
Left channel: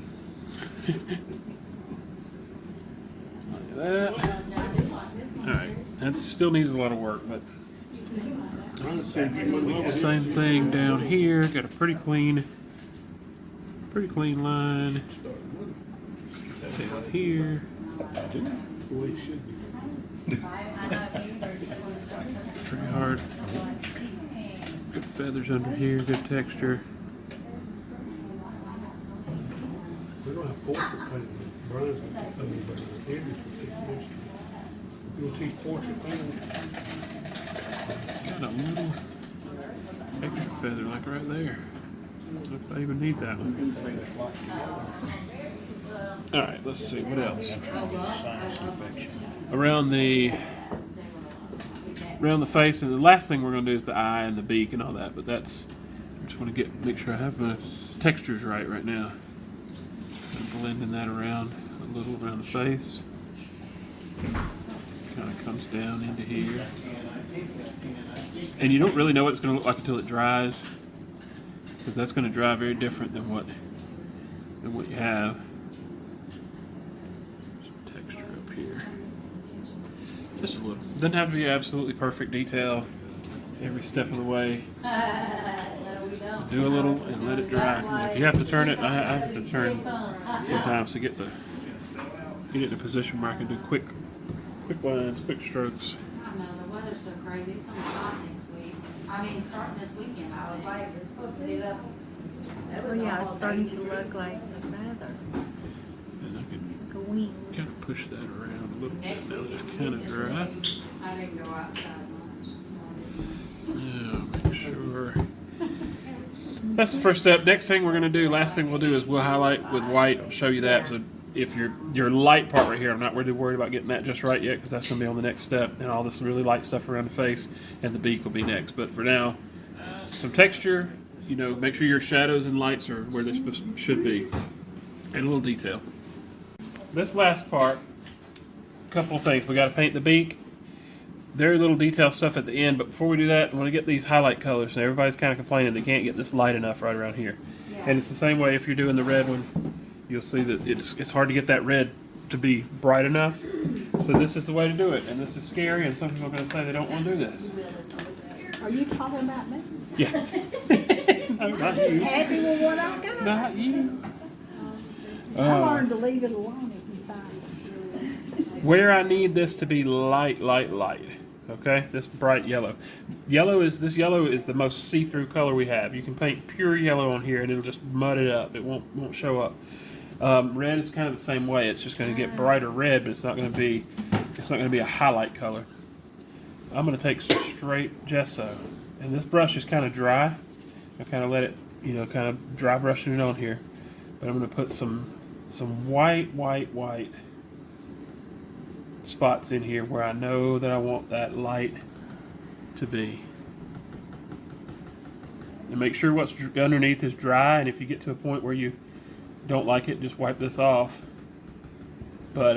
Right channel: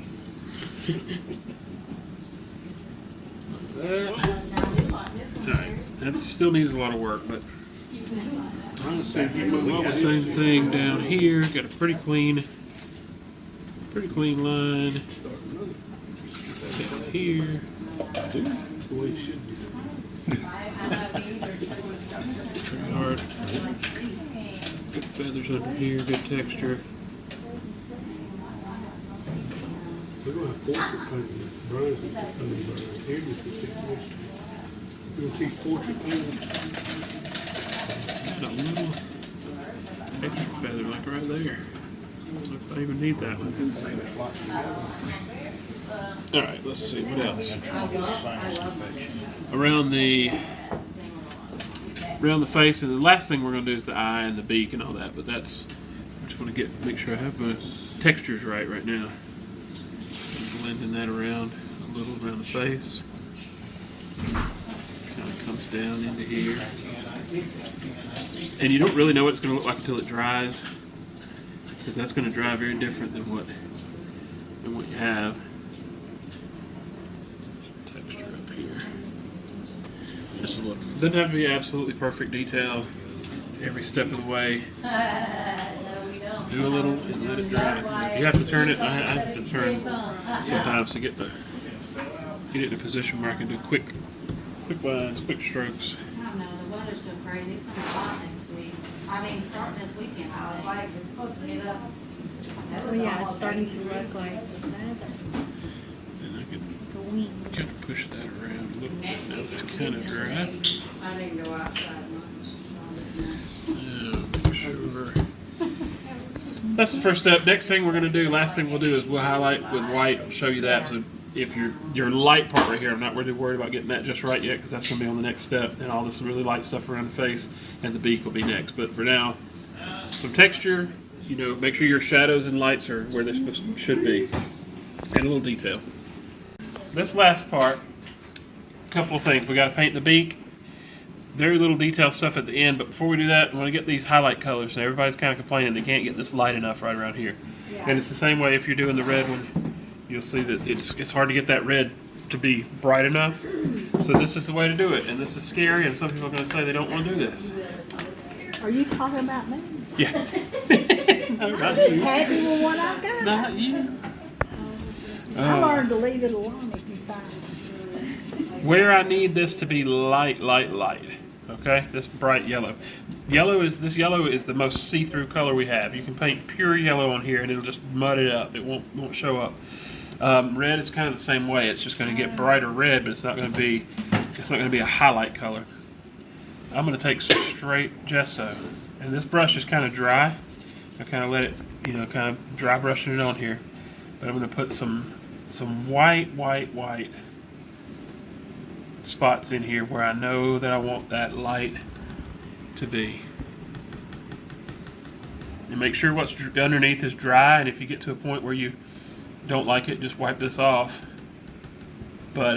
Alright, that still needs a lot of work, but same thing down here. Got a pretty clean line. Down here. Pretty hard. Good feathers under here, good texture. We're gonna have portrait painting. Brian's gonna paint Andrew's gonna take this. We're gonna teach portrait painting. Got a little extra feather like right there. If I even need that one. Alright, let's see, what else? Around the face, and the last thing we're going to do is the eye and the beak and all that, but that's, I just want to make sure I have my textures right now. I'm blending that around a little around the face. Kind of comes down into here. And you don't really know what it's going to look like until it dries, because that's going to dry very different than what you have. Some texture up here. Just a little. Doesn't have to be absolutely perfect detail. every step of the way. No, we don't. Do a little and let it dry. If you have to turn it, I have to turn sometimes to get it in a position where I can do quick lines, quick strokes. I know, the weather's so crazy, it's gonna be hot next week. I mean, starting this weekend, I was like, it's supposed to get up. That was Oh yeah, it's almost starting to 80 look like the weather. And I can Like a wing. kind of push that around a little bit. Next Now week it's it's kind of dry. 80. I didn't go outside much. So I didn't know. Yeah, sure. That's the first step. Next thing we're going to do, last thing we'll do is we'll highlight with white. I'll show you that. So if your light part right here, I'm not really worried about getting that just right yet because that's going to be on the next step. And all this really light stuff around the face and the beak will be next. But for now, some texture, you know, make sure your shadows and lights are where they should be. And a little detail. This last part, a couple of things. We got to paint the beak. Very little detail stuff at the end, but before we do that, I want to get these highlight colors. So everybody's kind of complaining they can't get this light enough right around here. Yeah. And it's the same way if you're doing the red one. You'll see that it's hard to get that red to be bright enough. So this is the way to do it. And this is scary, and some people are going to say they don't want to do this. Are you talking about me? Yeah. No, I'm not just you. happy with what I got. Not you. I learned to leave it alone if you find it. Where I need this to be light. Okay, this bright yellow. This yellow is the most see-through color we have. You can paint pure yellow on here and it'll just mud it up. It won't show up. Red is kind of the same way. It's just going to get brighter red, but it's not going to be a highlight color. I'm going to take some straight gesso, and this brush is kind of dry. I kind of let it, kind of dry brushing it on here. But I'm going to put some white spots in here where I know that I want that light to be. And make sure what's underneath is dry, and if you get to a point where you don't like it, just wipe this off. But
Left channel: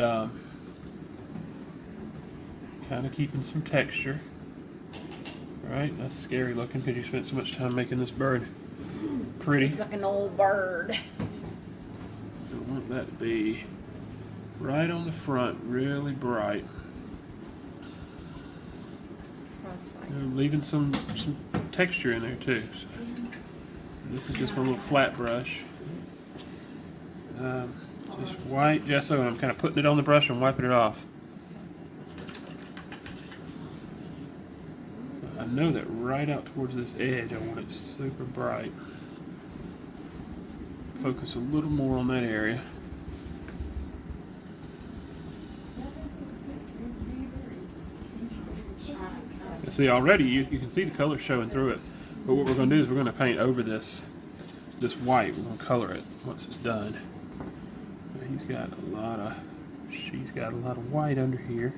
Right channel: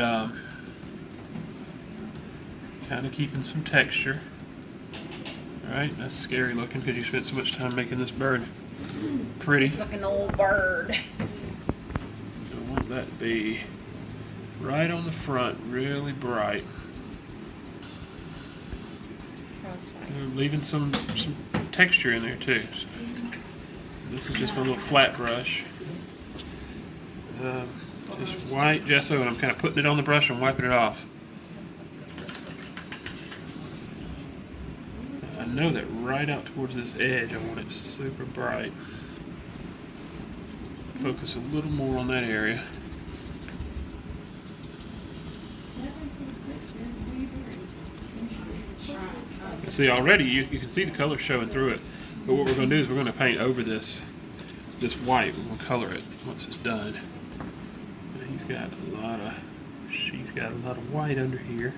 kind of keeping some texture. Right? That's scary looking because you spent so much time making this bird pretty. It's like an old bird. I want that to be right on the front, really bright. Crossfire. We're leaving some texture in there too. This is just my little flat brush. Just white gesso, and I'm kind of putting it on the brush and wiping it off. I know that right out towards this edge, I want it super bright. Focus a little more on that area. You see already, you can see the color showing through it. But what we're going to do is we're going to paint over this white. We're going to color it once it's done. And she's got a lot of white under here.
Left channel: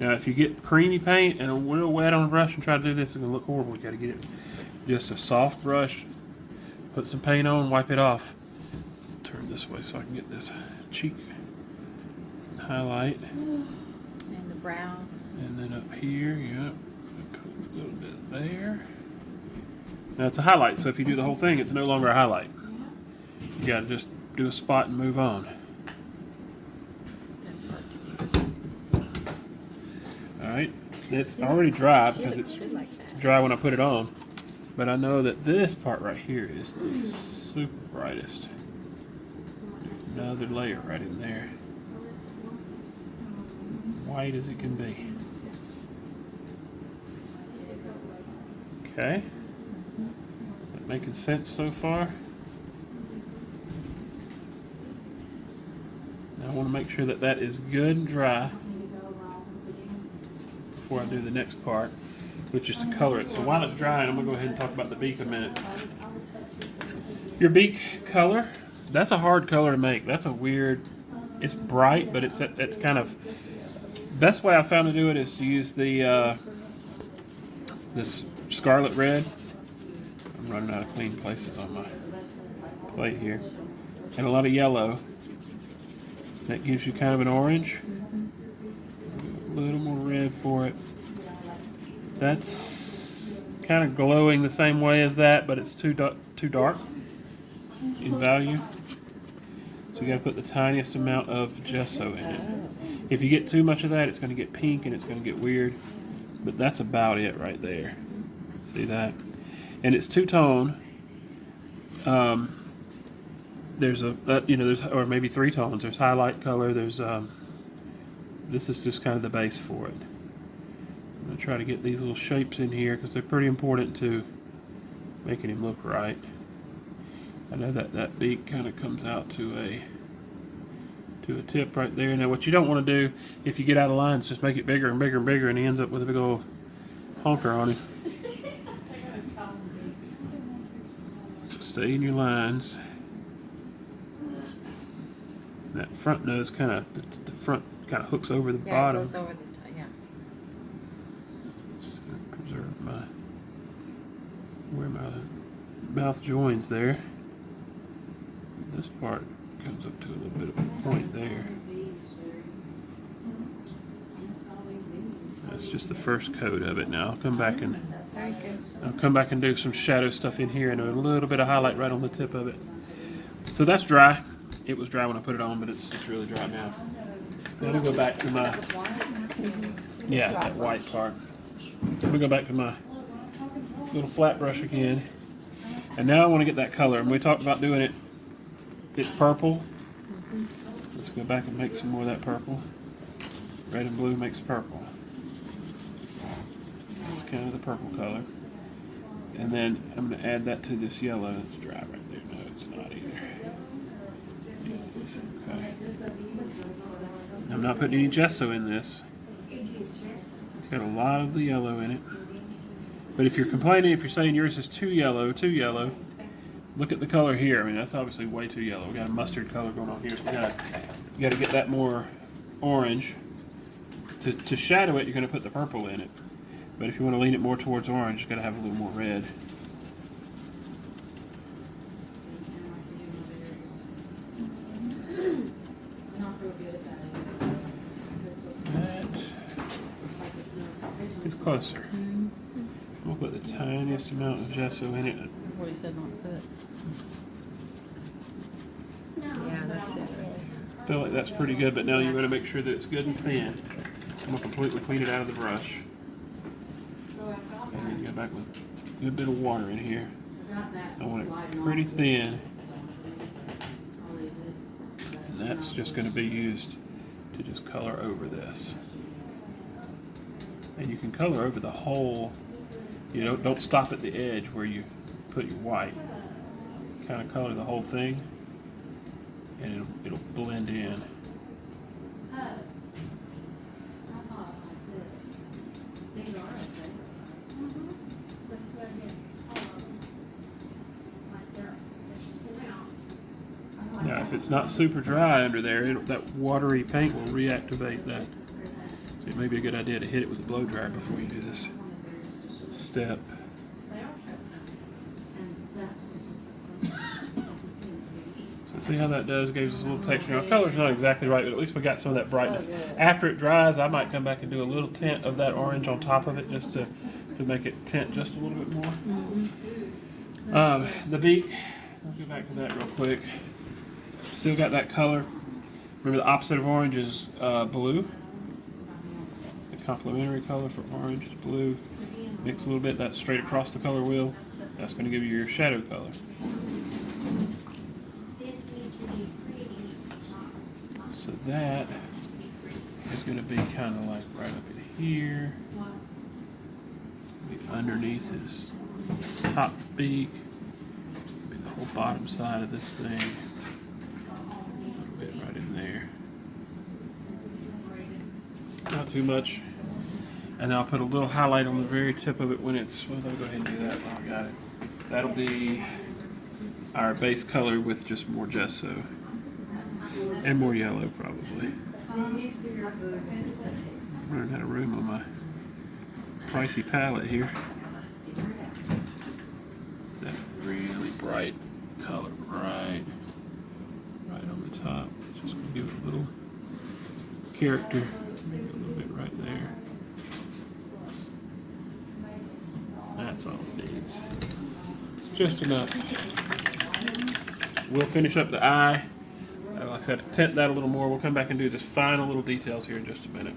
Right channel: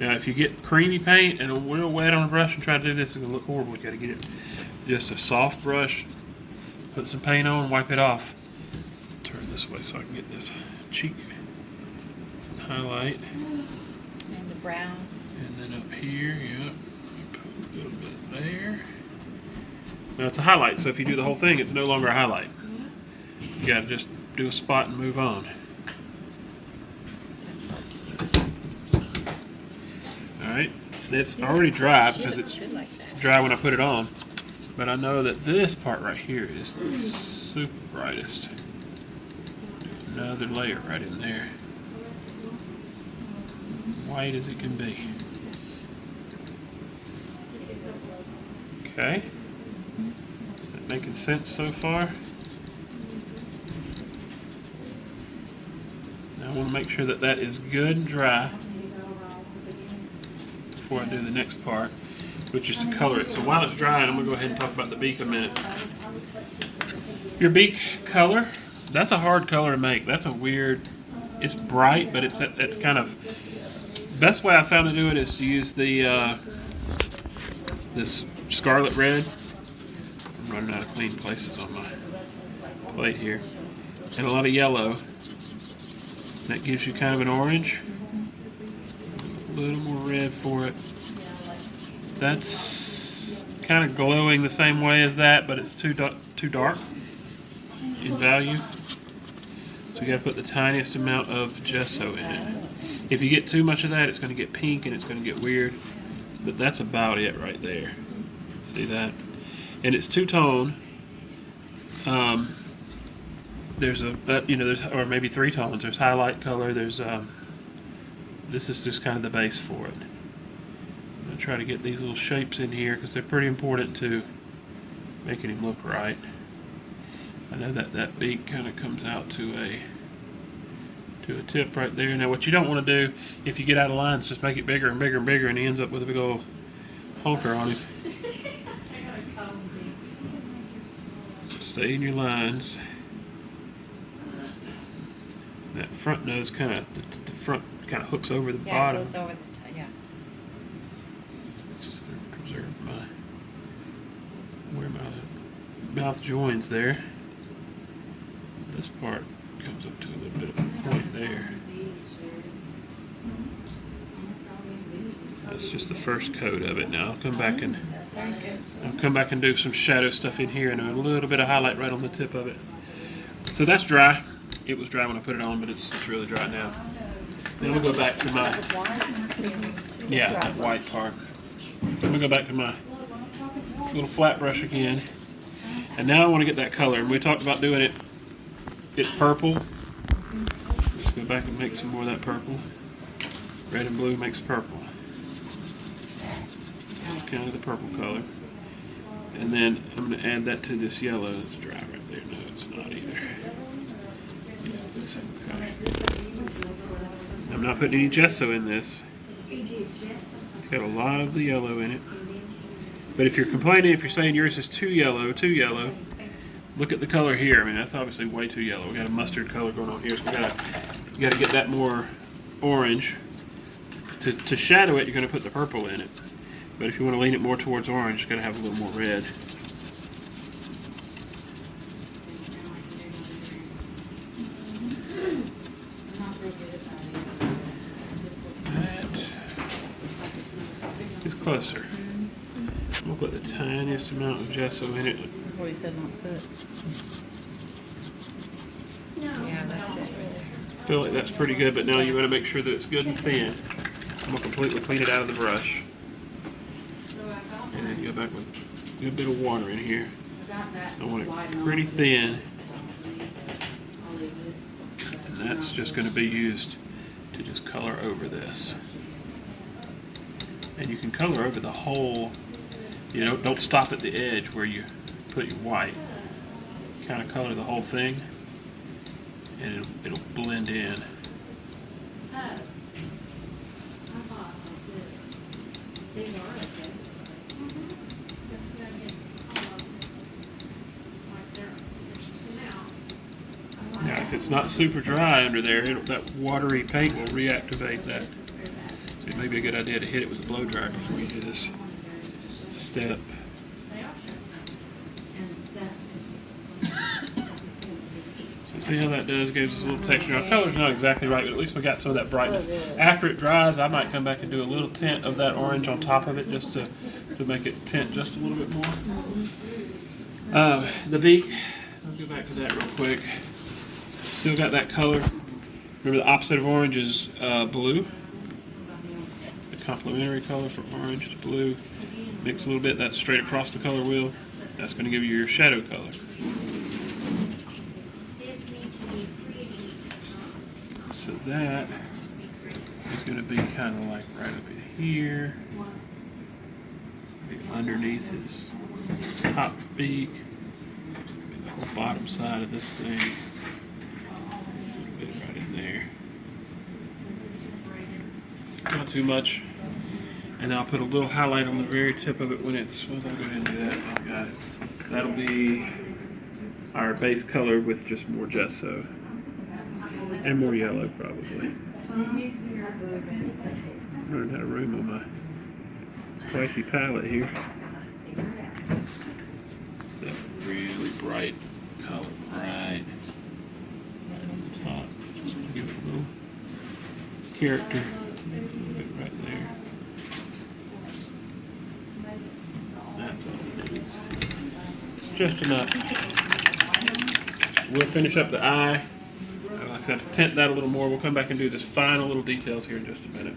Now, if you get creamy paint and a little wet on the brush and try to do this, it's going to look horrible. You got to get it just a soft brush. Put some paint on, wipe it off. Turn this way so I can get this cheek highlight. And the brows. And then up here, yep. Put a little bit there. Now it's a highlight, so if you do the whole thing, it's no longer a highlight. You got to just do a spot and move on. That's hard to do. Alright, it's already dry because it's Should like that. dry when I put it on. But I know that this part right here is the super brightest. Another layer right in there. White as it can be. Okay. Is that making sense so far? Now I want to make sure that that is good and dry before I do the next part, which is to color it. So while it's drying, I'm going to go ahead and talk about the beak a minute. Your beak color, that's a hard color to make. That's a weird, it's bright, but it's kind of, best way I found to do it is to use the this scarlet red. I'm running out of clean places on my plate here. And a lot of yellow. That gives you kind of an orange. A little more red for it. That's kind of glowing the same way as that, but it's too dark in value. So you gotta put the tiniest amount of gesso in it. If you get too much of that, it's gonna get pink and it's gonna get weird. But that's about it right there. See that? And it's two-tone. There's there's, or maybe three tones. There's highlight color. There's this is just kind of the base for it. I'm gonna try to get these little shapes in here because they're pretty important to making him look right. I know that beak kind of comes out to a tip right there. Now what you don't want to do if you get out of line is just make it bigger and bigger and bigger, and he ends up with a big old honker on him. So stay in your lines. That front nose kind of, the front kind of hooks over the Yeah, it bottom. goes over the, yeah. Just preserve where my mouth joins there. This part comes up to a little bit of a point there. That's just the first coat of it. Now I'll come back and do some shadow stuff in here and a little bit of highlight right on the tip of it. So that's dry. It was dry when I put it on, but it's really dry now. Then we'll go back to my that white part. We'll go back to my little flat brush again. And now I want to get that color. And we talked about doing it. It's purple. Let's go back and make some more of that purple. Red and blue makes purple. That's kind of the purple color. And then I'm going to add that to this yellow. It's dry right there. No, it's not either. Okay. I'm not putting any gesso in this. It's got a lot of the yellow in it. But if you're complaining, if you're saying yours is too yellow, look at the color here. I mean, that's obviously way too yellow. We got a mustard color going on here, so you gotta get that more orange. To shadow it, you're gonna put the purple in it. But if you want to lean it more towards orange, you gotta have a little more red. That is closer. We'll put the tiniest amount of gesso in it. What he said not to put. Yeah, that's it right there. I feel like that's pretty good, but now you want to make sure that it's good and thin. I'm going to completely clean it out of the brush. And then go back with a good bit of water in here. I want it pretty thin. And that's just going to be used to just color over this. And you can color over the whole, don't stop at the edge where you put your white. Kind of color the whole thing, and it'll blend in. Now, if it's not super dry under there, that watery paint will reactivate that. So it may be a good idea to hit it with a blow dryer before you do this step. So see how that does? Gives us a little texture. Now, color's not exactly right, but at least we got some of that brightness. After it dries, I might come back and do a little tint of that orange on top of it just to make it tint just a little bit more. The beak, I'll go back to that real quick. Still got that color. Remember, the opposite of orange is blue. The complementary color for orange is blue. Mix a little bit. That's straight across the color wheel. That's going to give you your shadow color. So that is going to be kind of like right up in here. Maybe underneath his top beak. The whole bottom side of this thing. Get it right in there. Not too much. And I'll put a little highlight on the very tip of it when it's, well, I'll go ahead and do that. I got it. That'll be our base color with just more gesso. And more yellow, probably. I'm running out of room on my pricey palette here. That really bright color, right on the top. Just gonna give it a little character. Right there. That's all it needs. Just enough. We'll finish up the eye. I'll said, tint that a little more. We'll come back and do just final little details here in just a minute.